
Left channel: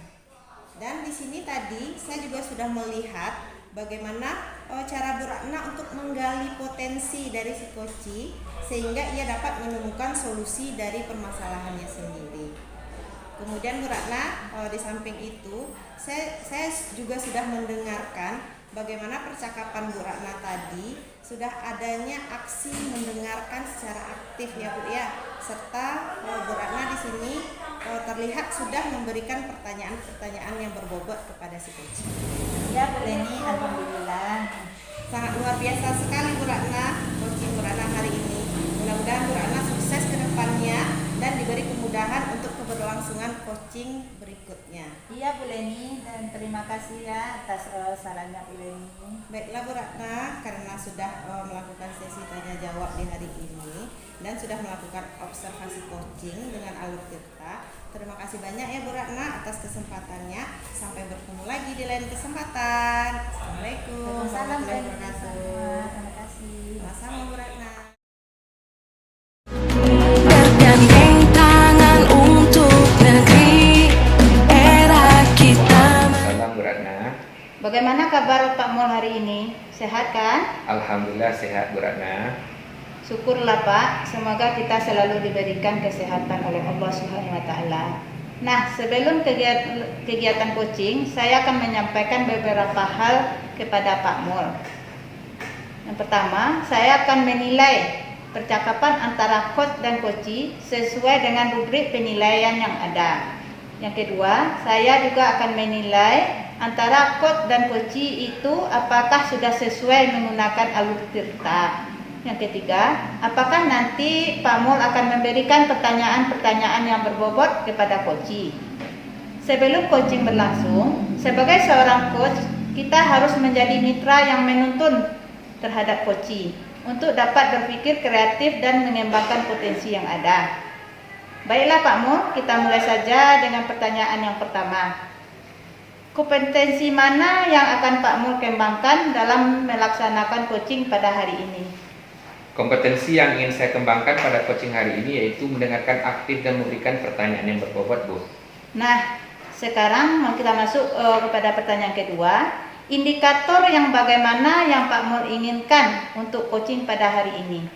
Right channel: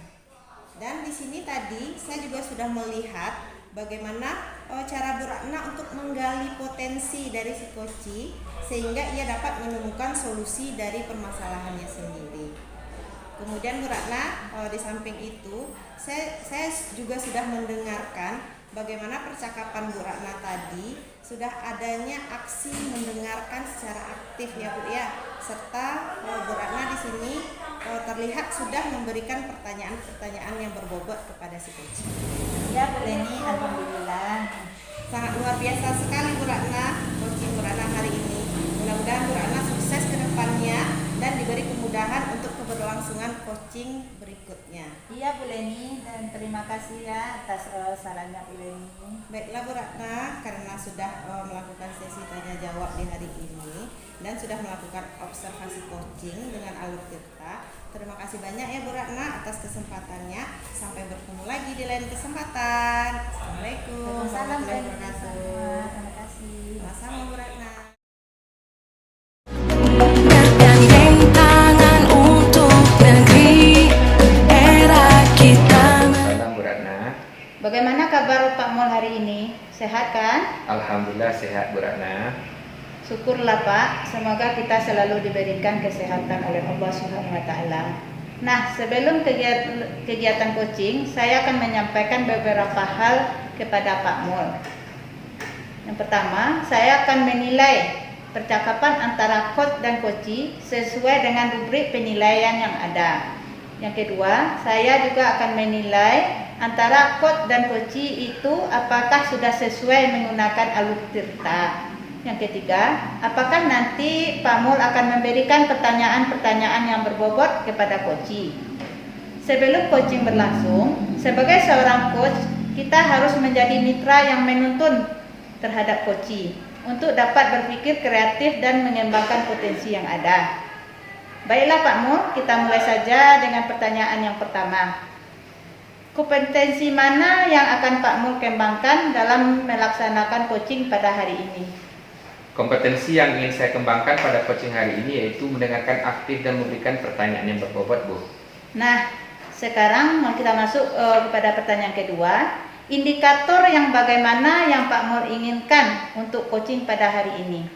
Dan di sini tadi saya juga sudah melihat bagaimana cara Bu Ratna untuk menggali potensi dari si coach sehingga ia dapat menemukan solusi dari permasalahannya sendiri. Kemudian Bu Ratna di samping itu saya juga sudah mendengarkan bagaimana percakapan Bu Ratna tadi sudah adanya aksi mendengarkan secara aktif ya Bu ya, serta Bu Ratna di sini terlihat sudah memberikan pertanyaan-pertanyaan yang berbobot kepada si coach. Ya Bu Leni, alhamdulillah. Sangat luar biasa sekali Bu Ratna, coaching Bu Ratna hari ini. Mudah-mudahan Bu Ratna sukses ke depannya dan diberi kemudahan untuk keberlangsungan coaching berikutnya. Iya Bu Leni, dan terima kasih ya atas sarannya Bu Leni. Baiklah Bu Ratna, karena sudah melakukan sesi tanya jawab di hari ini dan sudah melakukan observasi coaching dengan alur tirta, terima kasih banyak ya Bu Ratna atas kesempatannya. Sampai bertemu lagi di lain kesempatan. Assalamualaikum warahmatullahi wabarakatuh. Terima kasih. Sama-sama Bu Ratna. Bergandeng tangan untuk negeri era kita. Salam Bu Ratna. Bagaimana kabar Pak Mul hari ini? Sehat kan? Alhamdulillah sehat Bu Ratna. Syukurlah Pak, semoga kita selalu diberikan kesehatan oleh Allah Subhanahu wa taala. Nah, sebelum kegiatan coaching, saya akan menyampaikan beberapa hal kepada Pak Mul. Yang pertama, saya akan menilai percakapan antara coach dan coachi sesuai dengan rubrik penilaian yang ada. Yang kedua, saya juga akan menilai antara coach dan coachi itu apakah sudah sesuai menggunakan alur tirta. Yang ketiga, apakah nanti Pak Mul akan memberikan pertanyaan-pertanyaan yang berbobot kepada coachi. Sebelum coaching berlangsung, sebagai seorang coach, kita harus menjadi mitra yang menuntun terhadap coachi untuk dapat berpikir kreatif dan mengembangkan potensi yang ada. Baiklah Pak Mul, kita mulai saja dengan pertanyaan yang pertama. Kompetensi mana yang akan Pak Mul kembangkan dalam melaksanakan coaching pada hari ini? Kompetensi yang ingin saya kembangkan pada coaching hari ini yaitu mendengarkan aktif dan memberikan pertanyaan yang berbobot, Bu. Nah, sekarang kita masuk kepada pertanyaan kedua. Indikator yang bagaimana yang Pak Mul inginkan untuk coaching pada hari ini?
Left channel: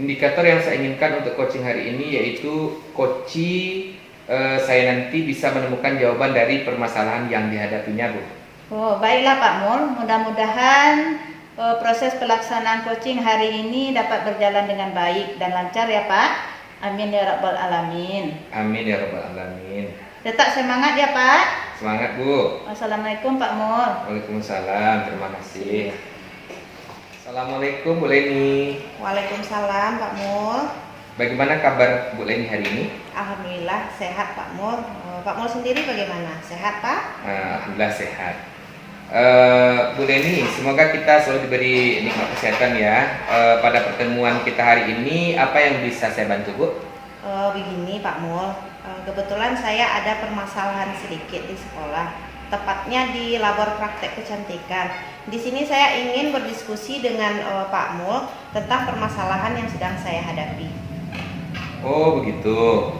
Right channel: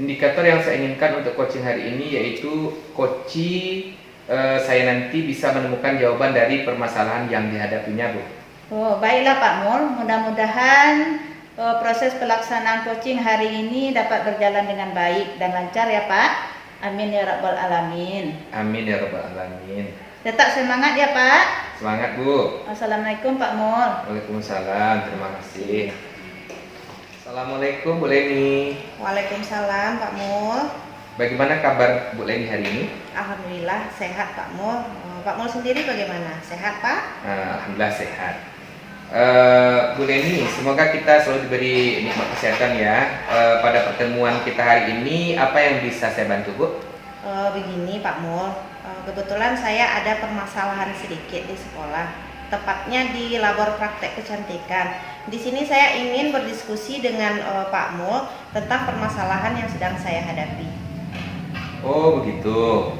Indikator yang saya inginkan untuk coaching hari ini yaitu saya nanti bisa menemukan jawaban dari permasalahan yang dihadapinya, Bu. Oh, baiklah Pak Mul, mudah-mudahan proses pelaksanaan coaching hari ini dapat berjalan dengan baik dan lancar ya Pak. Amin ya rabbal alamin. Amin ya rabbal alamin. Tetap semangat ya Pak. Semangat, Bu. Assalamualaikum Pak Mul. Waalaikumsalam, terima kasih. Assalamualaikum Bu Leni. Waalaikumsalam Pak Mul. Bagaimana kabar Bu Leni hari ini? Alhamdulillah sehat Pak Mul. Pak Mul sendiri bagaimana? Sehat Pak? Alhamdulillah sehat. Bu Leni, semoga kita selalu diberi nikmat kesehatan ya. Pada pertemuan kita hari ini, apa yang bisa saya bantu, Bu? Begini Pak Mul, kebetulan saya ada permasalahan sedikit di sekolah, tepatnya di labor praktek kecantikan. Di sini saya ingin berdiskusi dengan Pak Mul tentang permasalahan yang sedang saya hadapi. Oh begitu.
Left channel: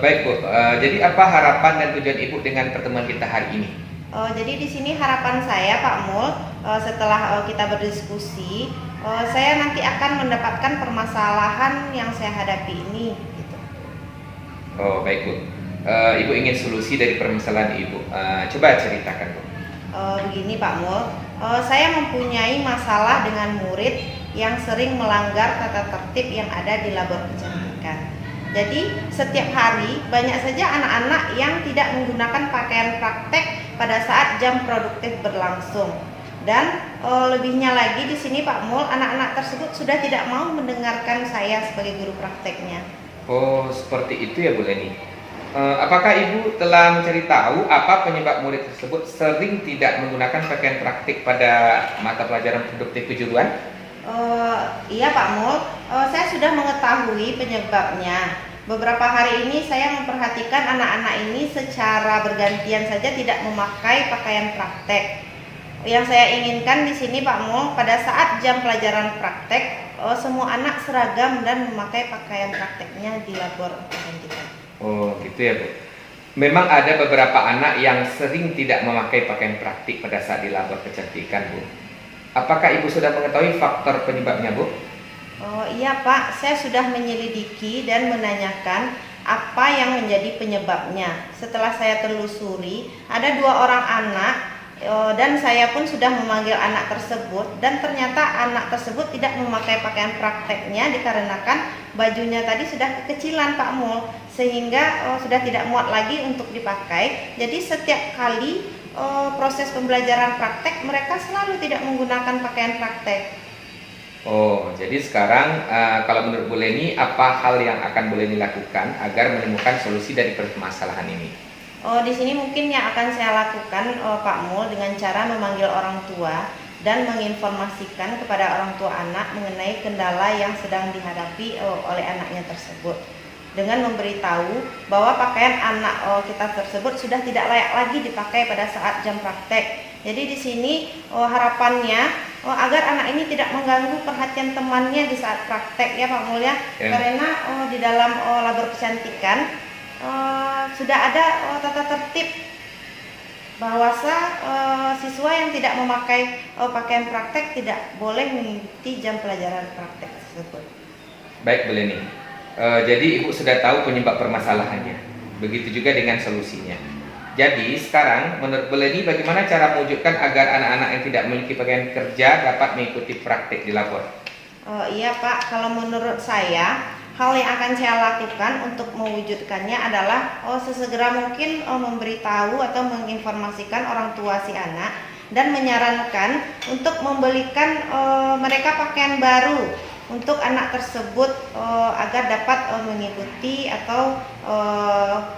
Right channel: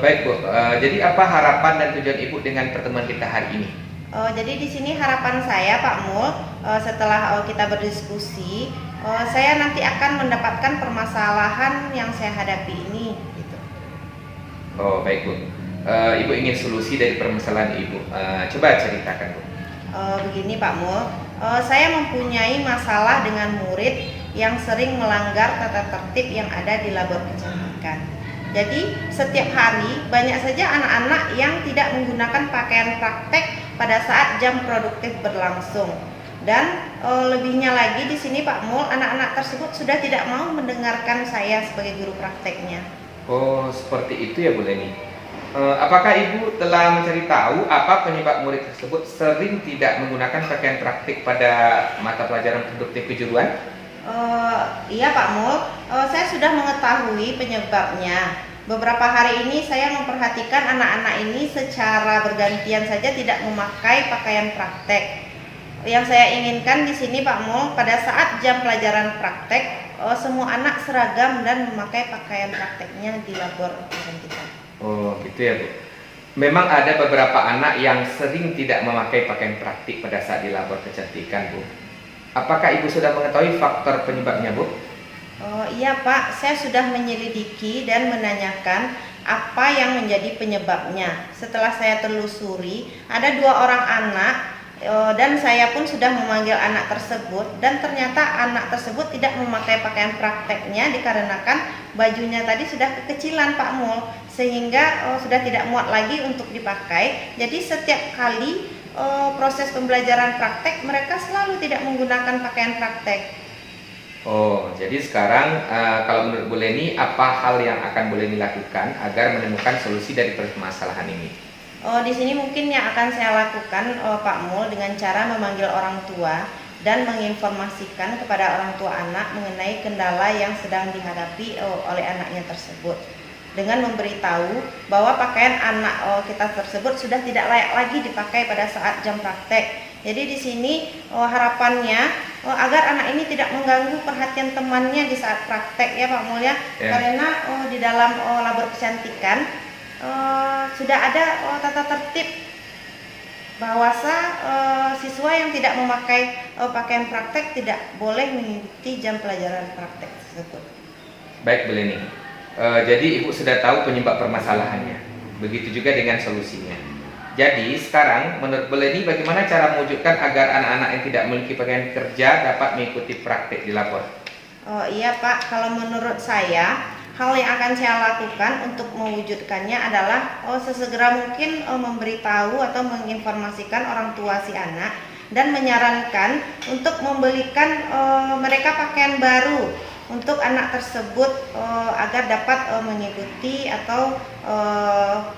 Baik Bu. Jadi apa harapan dan tujuan Ibu dengan pertemuan kita hari ini? Jadi di sini harapan saya Pak Mul, setelah kita berdiskusi, saya nanti akan mendapatkan permasalahan yang saya hadapi ini. Gitu. Oh baik Bu. Ibu ingin solusi dari permasalahan Ibu. Coba ceritakan Bu. Begini Pak Mul, saya mempunyai masalah dengan murid yang sering melanggar tata tertib yang ada di labor kecantikan. Jadi setiap hari banyak saja anak-anak yang tidak menggunakan pakaian praktek pada saat jam produktif berlangsung. Dan lebihnya lagi di sini Pak Mul, anak-anak tersebut sudah tidak mau mendengarkan saya sebagai guru prakteknya. Oh seperti itu ya Bu Leni. Apakah Ibu telah mencari tahu apa penyebab murid tersebut sering tidak menggunakan pakaian praktik pada mata pelajaran produktif kejuruan? Iya Pak Mul, saya sudah mengetahui penyebabnya. Beberapa hari ini saya memperhatikan anak-anak ini secara bergantian saja tidak memakai pakaian praktek. Yang saya inginkan di sini Pak Mul, pada saat jam pelajaran praktek, semua anak seragam dan memakai pakaian prakteknya di labor kecantikan. Oh gitu ya Bu. Memang ada beberapa anak yang sering tidak memakai pakaian praktik pada saat di labor kecantikan Bu. Apakah Ibu sudah mengetahui faktor penyebabnya Bu? Oh iya Pak, saya sudah menyelidiki dan menanyakan apa yang menjadi penyebabnya. Setelah saya telusuri, ada 2 orang anak dan saya pun sudah memanggil anak tersebut, dan ternyata anak tersebut tidak memakai pakaian prakteknya dikarenakan bajunya tadi sudah kekecilan Pak Mul, sehingga sudah tidak muat lagi untuk dipakai. Jadi setiap kali proses pembelajaran praktek mereka selalu tidak menggunakan pakaian praktek. Oh jadi sekarang kalau menurut Bu Leni, apa hal yang akan Bu Leni lakukan agar menemukan solusi dari permasalahan ini? Di sini mungkin yang akan saya lakukan Pak Mul dengan cara memanggil orang tua dan menginformasikan kepada orang tua anak mengenai kendala yang sedang dihadapi oleh anaknya tersebut, dengan memberitahu bahwa pakaian anak kita tersebut sudah tidak layak lagi dipakai pada saat jam praktek. Jadi di sini harapannya agar anak ini tidak mengganggu perhatian temannya di saat praktek ya Pak Mul ya. Karena di dalam labor kecantikan sudah ada tata tertib bahwasa siswa yang tidak memakai pakaian praktek tidak boleh mengikuti jam pelajaran praktek tersebut. Baik Bu Leni, jadi Ibu sudah tahu penyebab permasalahannya. Begitu juga dengan solusinya. Jadi sekarang menurut Bu Leni, bagaimana cara mewujudkan agar anak-anak yang tidak memiliki pakaian kerja dapat mengikuti praktek di labor? Oh iya Pak, kalau menurut saya hal yang akan saya lakukan untuk mewujudkannya adalah sesegera mungkin memberitahu atau menginformasikan orang tua si anak dan menyarankan untuk membelikan mereka pakaian baru untuk anak tersebut agar dapat mengikuti atau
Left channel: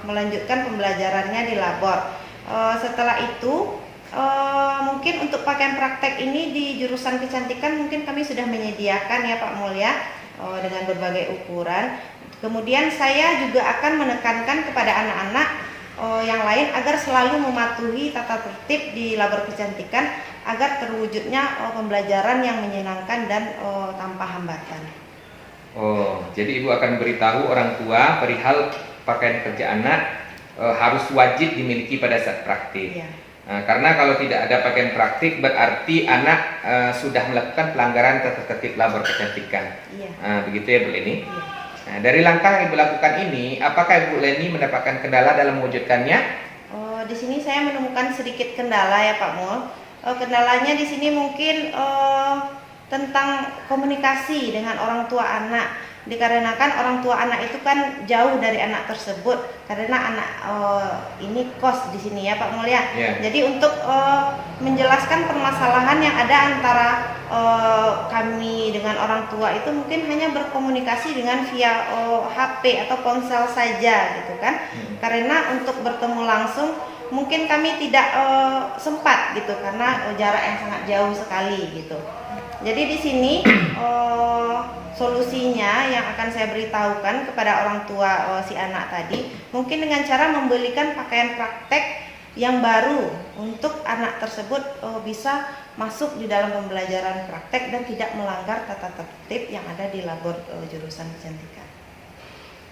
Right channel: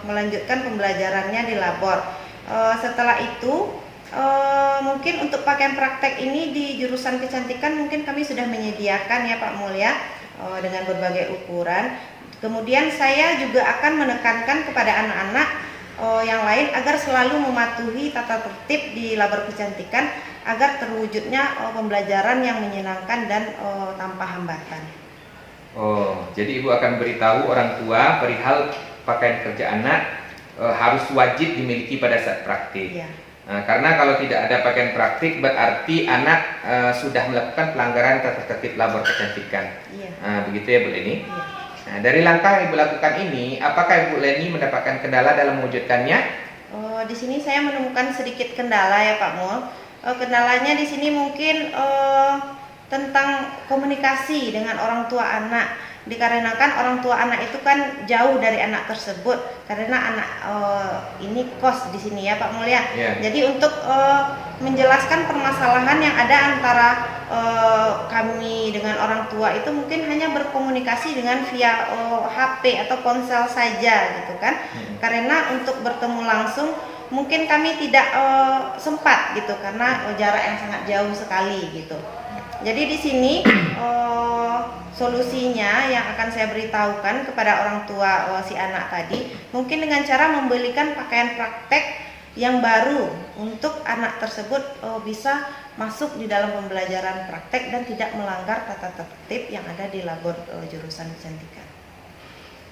melanjutkan pembelajarannya di labor. Setelah itu mungkin untuk pakaian praktek ini di jurusan kecantikan mungkin kami sudah menyediakan ya Pak Mul ya, dengan berbagai ukuran. Kemudian saya juga akan menekankan kepada anak-anak yang lain agar selalu mematuhi tata tertib di labor kecantikan agar terwujudnya pembelajaran yang menyenangkan dan tanpa hambatan. Oh, jadi Ibu akan beritahu orang tua perihal pakaian kerja anak harus wajib dimiliki pada saat praktik. Ya. Karena kalau tidak ada pakaian praktik berarti anak sudah melakukan pelanggaran tata tertib labor kecantikan. Iya. Begitu ya Bu Leni? Iya. Nah, dari langkah yang Ibu lakukan ini, apakah Ibu Leni mendapatkan kendala dalam mewujudkannya? Di sini saya menemukan sedikit kendala ya Pak Mul. Kendalanya di sini mungkin tentang komunikasi dengan orang tua anak. Dikarenakan orang tua anak itu kan jauh dari anak tersebut karena anak ini kos di sini ya Pak Mul ya. Yeah. Jadi untuk menjelaskan permasalahan yang ada antara kami dengan orang tua itu mungkin hanya berkomunikasi dengan via HP atau ponsel saja gitu kan. Karena untuk bertemu langsung mungkin kami tidak sempat gitu karena jarak yang sangat jauh sekali gitu. Jadi di sini solusinya yang akan saya beritahukan kepada orang tua si anak tadi mungkin dengan cara membelikan pakaian praktek yang baru untuk anak tersebut bisa masuk di dalam pembelajaran praktek dan tidak melanggar tata tertib yang ada di labor jurusan kecantikan.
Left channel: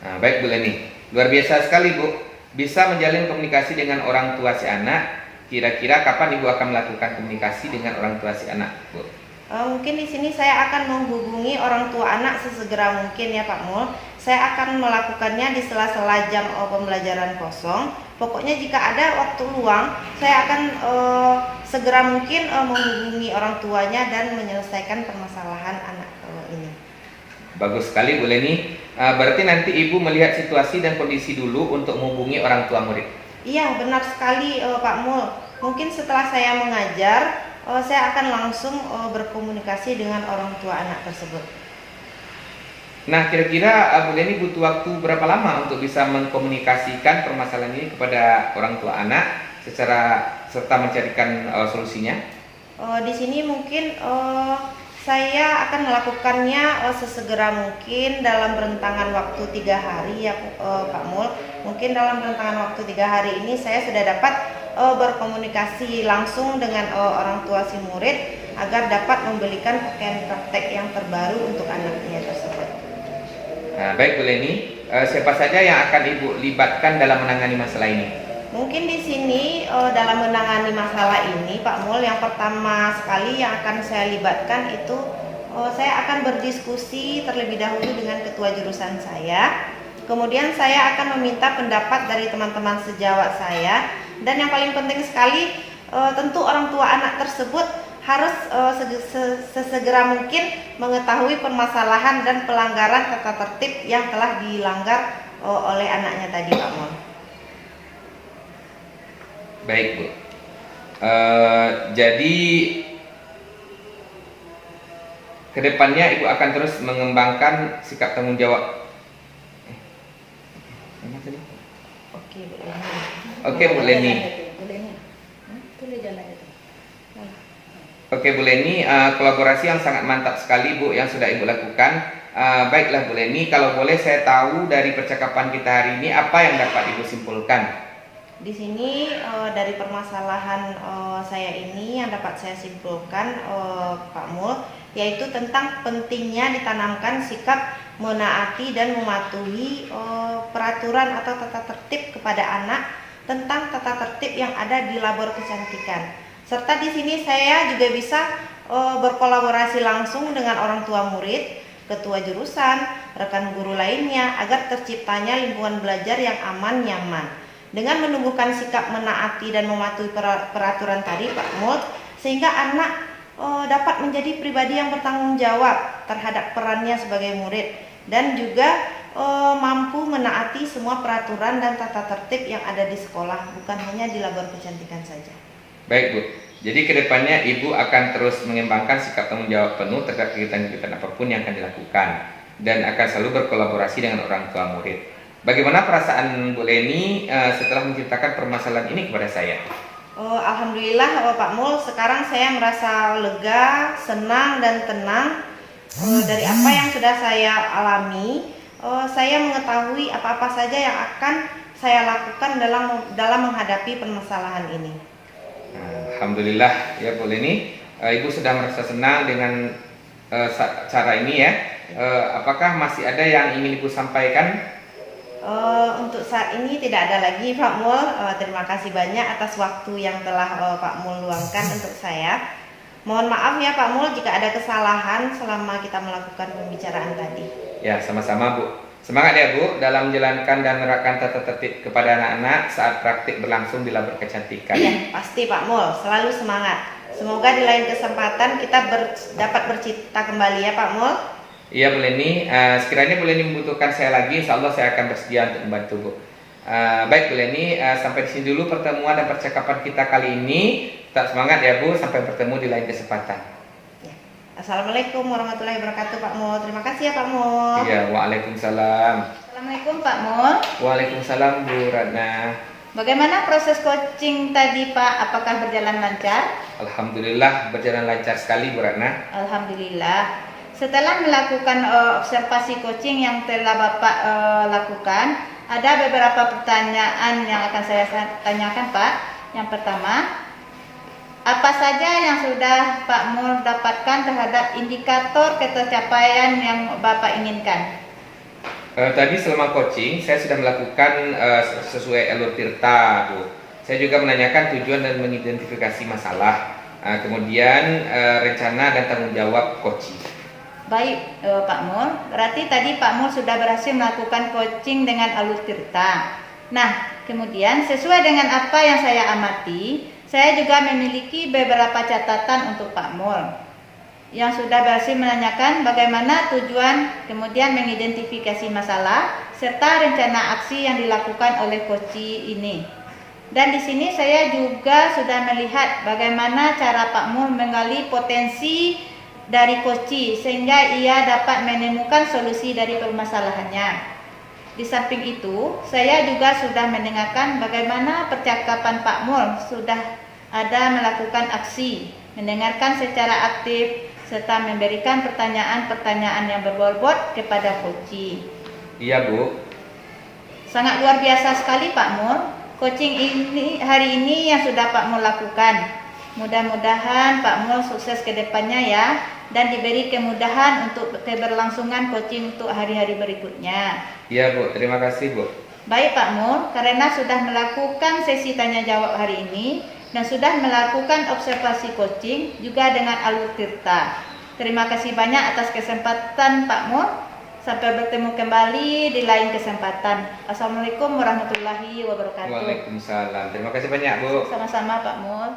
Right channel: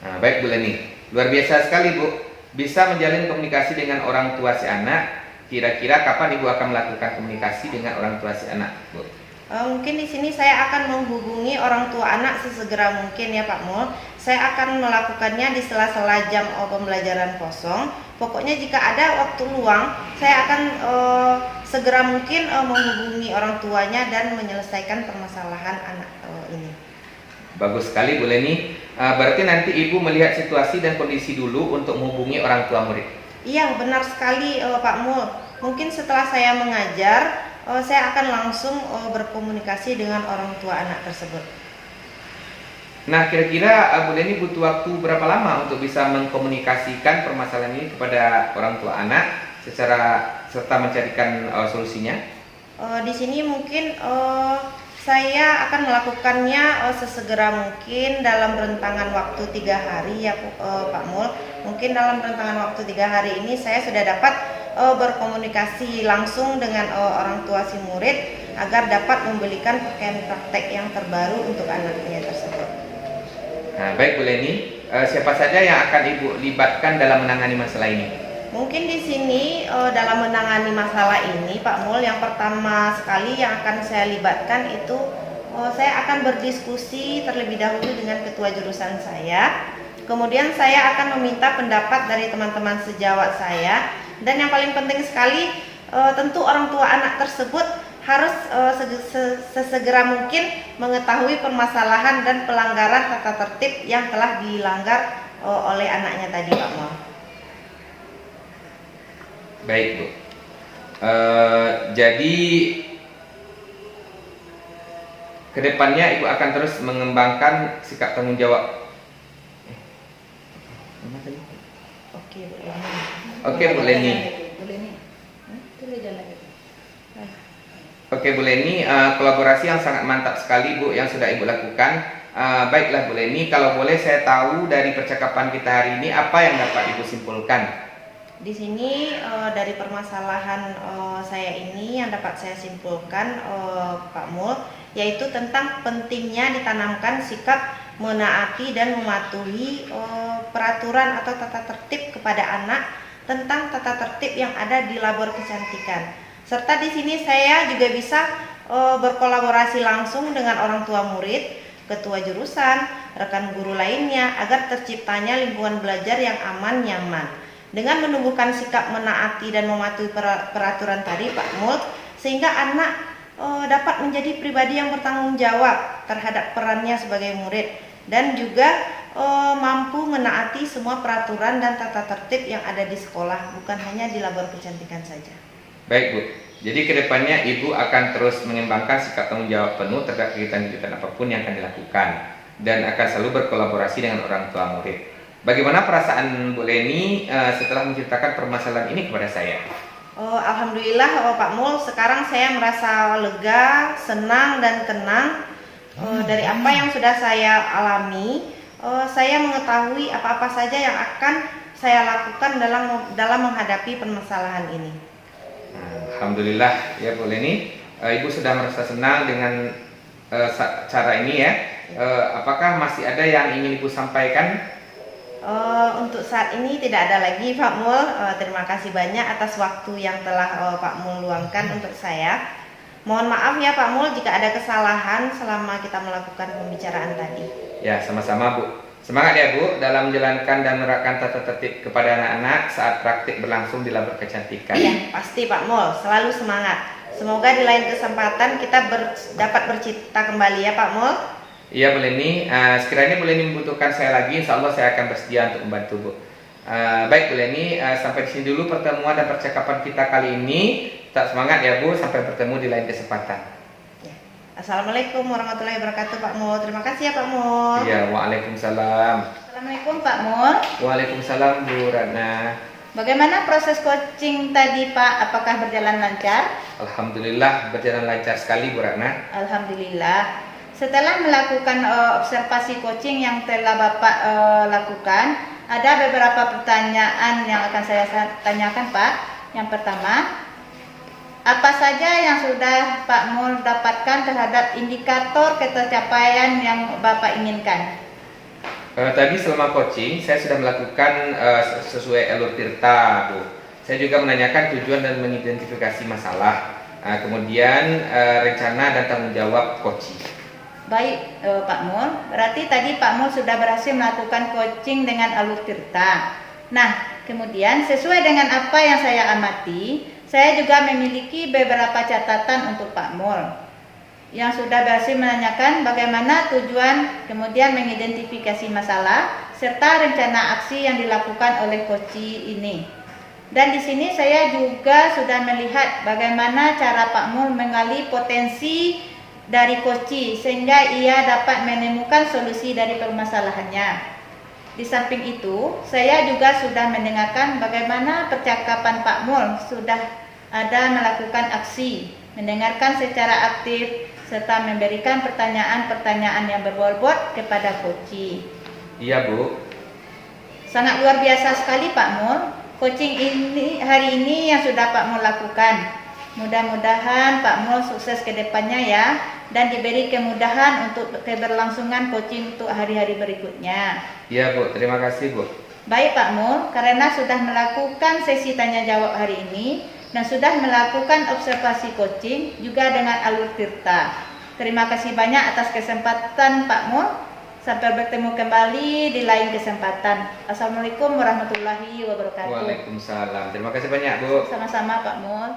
Nah, baik Bu Leni, luar biasa sekali Bu, bisa menjalin komunikasi dengan orang tua si anak. Kira-kira kapan Ibu akan melakukan komunikasi dengan orang tua si anak, Bu? Mungkin di sini saya akan menghubungi orang tua anak sesegera mungkin ya Pak Mul. Saya akan melakukannya di sela-sela jam pembelajaran kosong. Pokoknya jika ada waktu luang, saya akan segera mungkin menghubungi orang tuanya dan menyelesaikan permasalahan anak ini. Bagus sekali Bu Leni. Berarti nanti Ibu melihat situasi dan kondisi dulu untuk menghubungi orang tua murid. Iya benar sekali Pak Mul. Mungkin setelah saya mengajar, saya akan langsung berkomunikasi dengan orang tua anak tersebut. Nah, kira-kira Bu Leni butuh waktu berapa lama untuk bisa mengkomunikasikan permasalahan ini kepada orang tua anak serta mencarikan solusinya? Di sini mungkin saya akan melakukannya sesegera mungkin dalam rentangan waktu 3 hari ya Pak Mul. Mungkin dalam rentangan waktu 3 hari ini saya sudah dapat berkomunikasi langsung dengan orang tua si murid agar dapat membelikan pakaian praktek yang terbaru untuk anaknya tersebut. Nah, baik Bu Leni, siapa saja yang akan Ibu libatkan dalam menangani masalah ini? Mungkin di sini dalam menangani masalah ini Pak Mul, yang pertama sekali yang akan saya libatkan itu saya akan berdiskusi terlebih dahulu dengan ketua jurusan saya. Kemudian saya akan meminta pendapat dari teman-teman sejawat saya. Dan yang paling penting sekali tentu orang tua anak tersebut harus sesegera mungkin mengetahui permasalahan dan pelanggaran tata tertib yang telah dilanggar oleh anaknya tadi Pak Mul. Baik Bu. Jadi kedepannya Ibu akan terus mengembangkan sikap tanggung jawab. Oke Bu Leni. Oke Bu Leni, kolaborasi yang sangat mantap sekali Bu yang sudah Ibu lakukan. Baiklah Bu Leni, kalau boleh saya tahu dari percakapan kita hari ini apa yang dapat Ibu simpulkan? Di sini dari permasalahan saya ini yang dapat saya simpulkan Pak Mul, yaitu tentang pentingnya ditanamkan sikap menaati dan mematuhi peraturan atau tata tertib kepada anak tentang tata tertib yang ada di labor kecantikan. Serta di sini saya juga bisa berkolaborasi langsung dengan orang tua murid, ketua jurusan, rekan guru lainnya agar terciptanya lingkungan belajar yang aman, nyaman. Dengan menumbuhkan sikap menaati dan mematuhi peraturan tadi Pak Mul, sehingga anak dapat menjadi pribadi yang bertanggung jawab terhadap perannya sebagai murid dan juga mampu menaati semua peraturan dan tata tertib yang ada di sekolah, bukan hanya di labor kecantikan saja. Baik Bu, jadi kedepannya Ibu akan terus mengembangkan sikap tanggung jawab penuh terhadap kegiatan-kegiatan apapun yang akan dilakukan dan akan selalu berkolaborasi dengan orang tua murid. Bagaimana perasaan Bu Leni setelah menceritakan permasalahan ini kepada saya? Alhamdulillah Pak Mul, sekarang saya merasa lega, senang dan tenang dari apa yang sudah saya alami. Saya mengetahui apa-apa saja yang akan saya lakukan dalam menghadapi permasalahan ini. Alhamdulillah ya Bu Leni, Ibu sudah merasa senang dengan cara ini ya. Apakah masih ada yang ingin Ibu sampaikan? Untuk saat ini tidak ada lagi Pak Mul. Terima kasih banyak atas waktu yang telah Pak Mul luangkan untuk saya. Mohon maaf ya Pak Mul jika ada kesalahan selama kita melakukan pembicaraan tadi. Ya, sama-sama Bu. Semangat ya Bu dalam menjalankan dan menerapkan tata tertib kepada anak-anak saat praktik berlangsung di labor kecantikan. Ya, pasti Pak Mul, selalu semangat. Semoga di lain kesempatan kita dapat bercita kembali ya Pak Mul. Iya Bu Leni, sekiranya Bu Leni membutuhkan saya lagi, insya Allah saya akan bersedia untuk membantu Bu. Baik Bu Leni, sampai di sini dulu pertemuan dan percakapan kita kali ini. Tetap semangat ya Bu, sampai bertemu di lain kesempatan. Ya. Assalamualaikum warahmatullahi wabarakatuh Pak Mul. Terima kasih ya Pak Mul. Iya, waalaikumsalam. Assalamualaikum Pak Mul. Waalaikumsalam Bu Ratna. Bagaimana proses coaching tadi Pak? Apakah berjalan lancar? Alhamdulillah berjalan lancar sekali Bu Ratna. Alhamdulillah. Setelah melakukan observasi coaching yang telah Bapak lakukan, ada beberapa pertanyaan yang akan saya tanyakan Pak. Yang pertama, apa saja yang sudah Pak Mul dapatkan terhadap indikator ketercapaian yang Bapak inginkan? Tadi selama coaching saya sudah melakukan sesuai alur tirta Bu. Saya juga menanyakan tujuan dan mengidentifikasi masalah. Kemudian rencana dan tanggung jawab coaching. Baik Pak Mul, berarti tadi Pak Mul sudah berhasil melakukan coaching dengan alur tirta. Nah, kemudian sesuai dengan apa yang saya amati, saya juga memiliki beberapa catatan untuk Pak Mul yang sudah berhasil menanyakan bagaimana tujuan, kemudian mengidentifikasi masalah, serta rencana aksi yang dilakukan oleh coaching ini. Dan di sini saya juga sudah melihat bagaimana cara Pak Mul menggali potensi dari coaching sehingga ia dapat menemukan solusi dari permasalahannya. Di samping itu, saya juga sudah mendengarkan bagaimana percakapan Pak Mul sudah ada melakukan aksi, mendengarkan secara aktif, serta memberikan pertanyaan-pertanyaan yang berbobot kepada coaching. Iya Bu. Sangat luar biasa sekali Pak Mul. Coaching ini hari ini yang sudah Pak Mul lakukan. Mudah-mudahan Pak Mul sukses ke depannya ya, dan diberi kemudahan untuk keberlangsungan coaching untuk hari-hari berikutnya. Iya Bu, terima kasih Bu. Baik Pak Mul, karena sudah melakukan sesi tanya jawab hari ini dan sudah melakukan observasi coaching juga dengan alur tirta. Terima kasih banyak atas kesempatan Pak Mul. Sampai bertemu kembali di lain kesempatan. Assalamualaikum warahmatullahi wabarakatuh. Waalaikumsalam. Terima kasih banyak Bu. Sama-sama Pak Mul.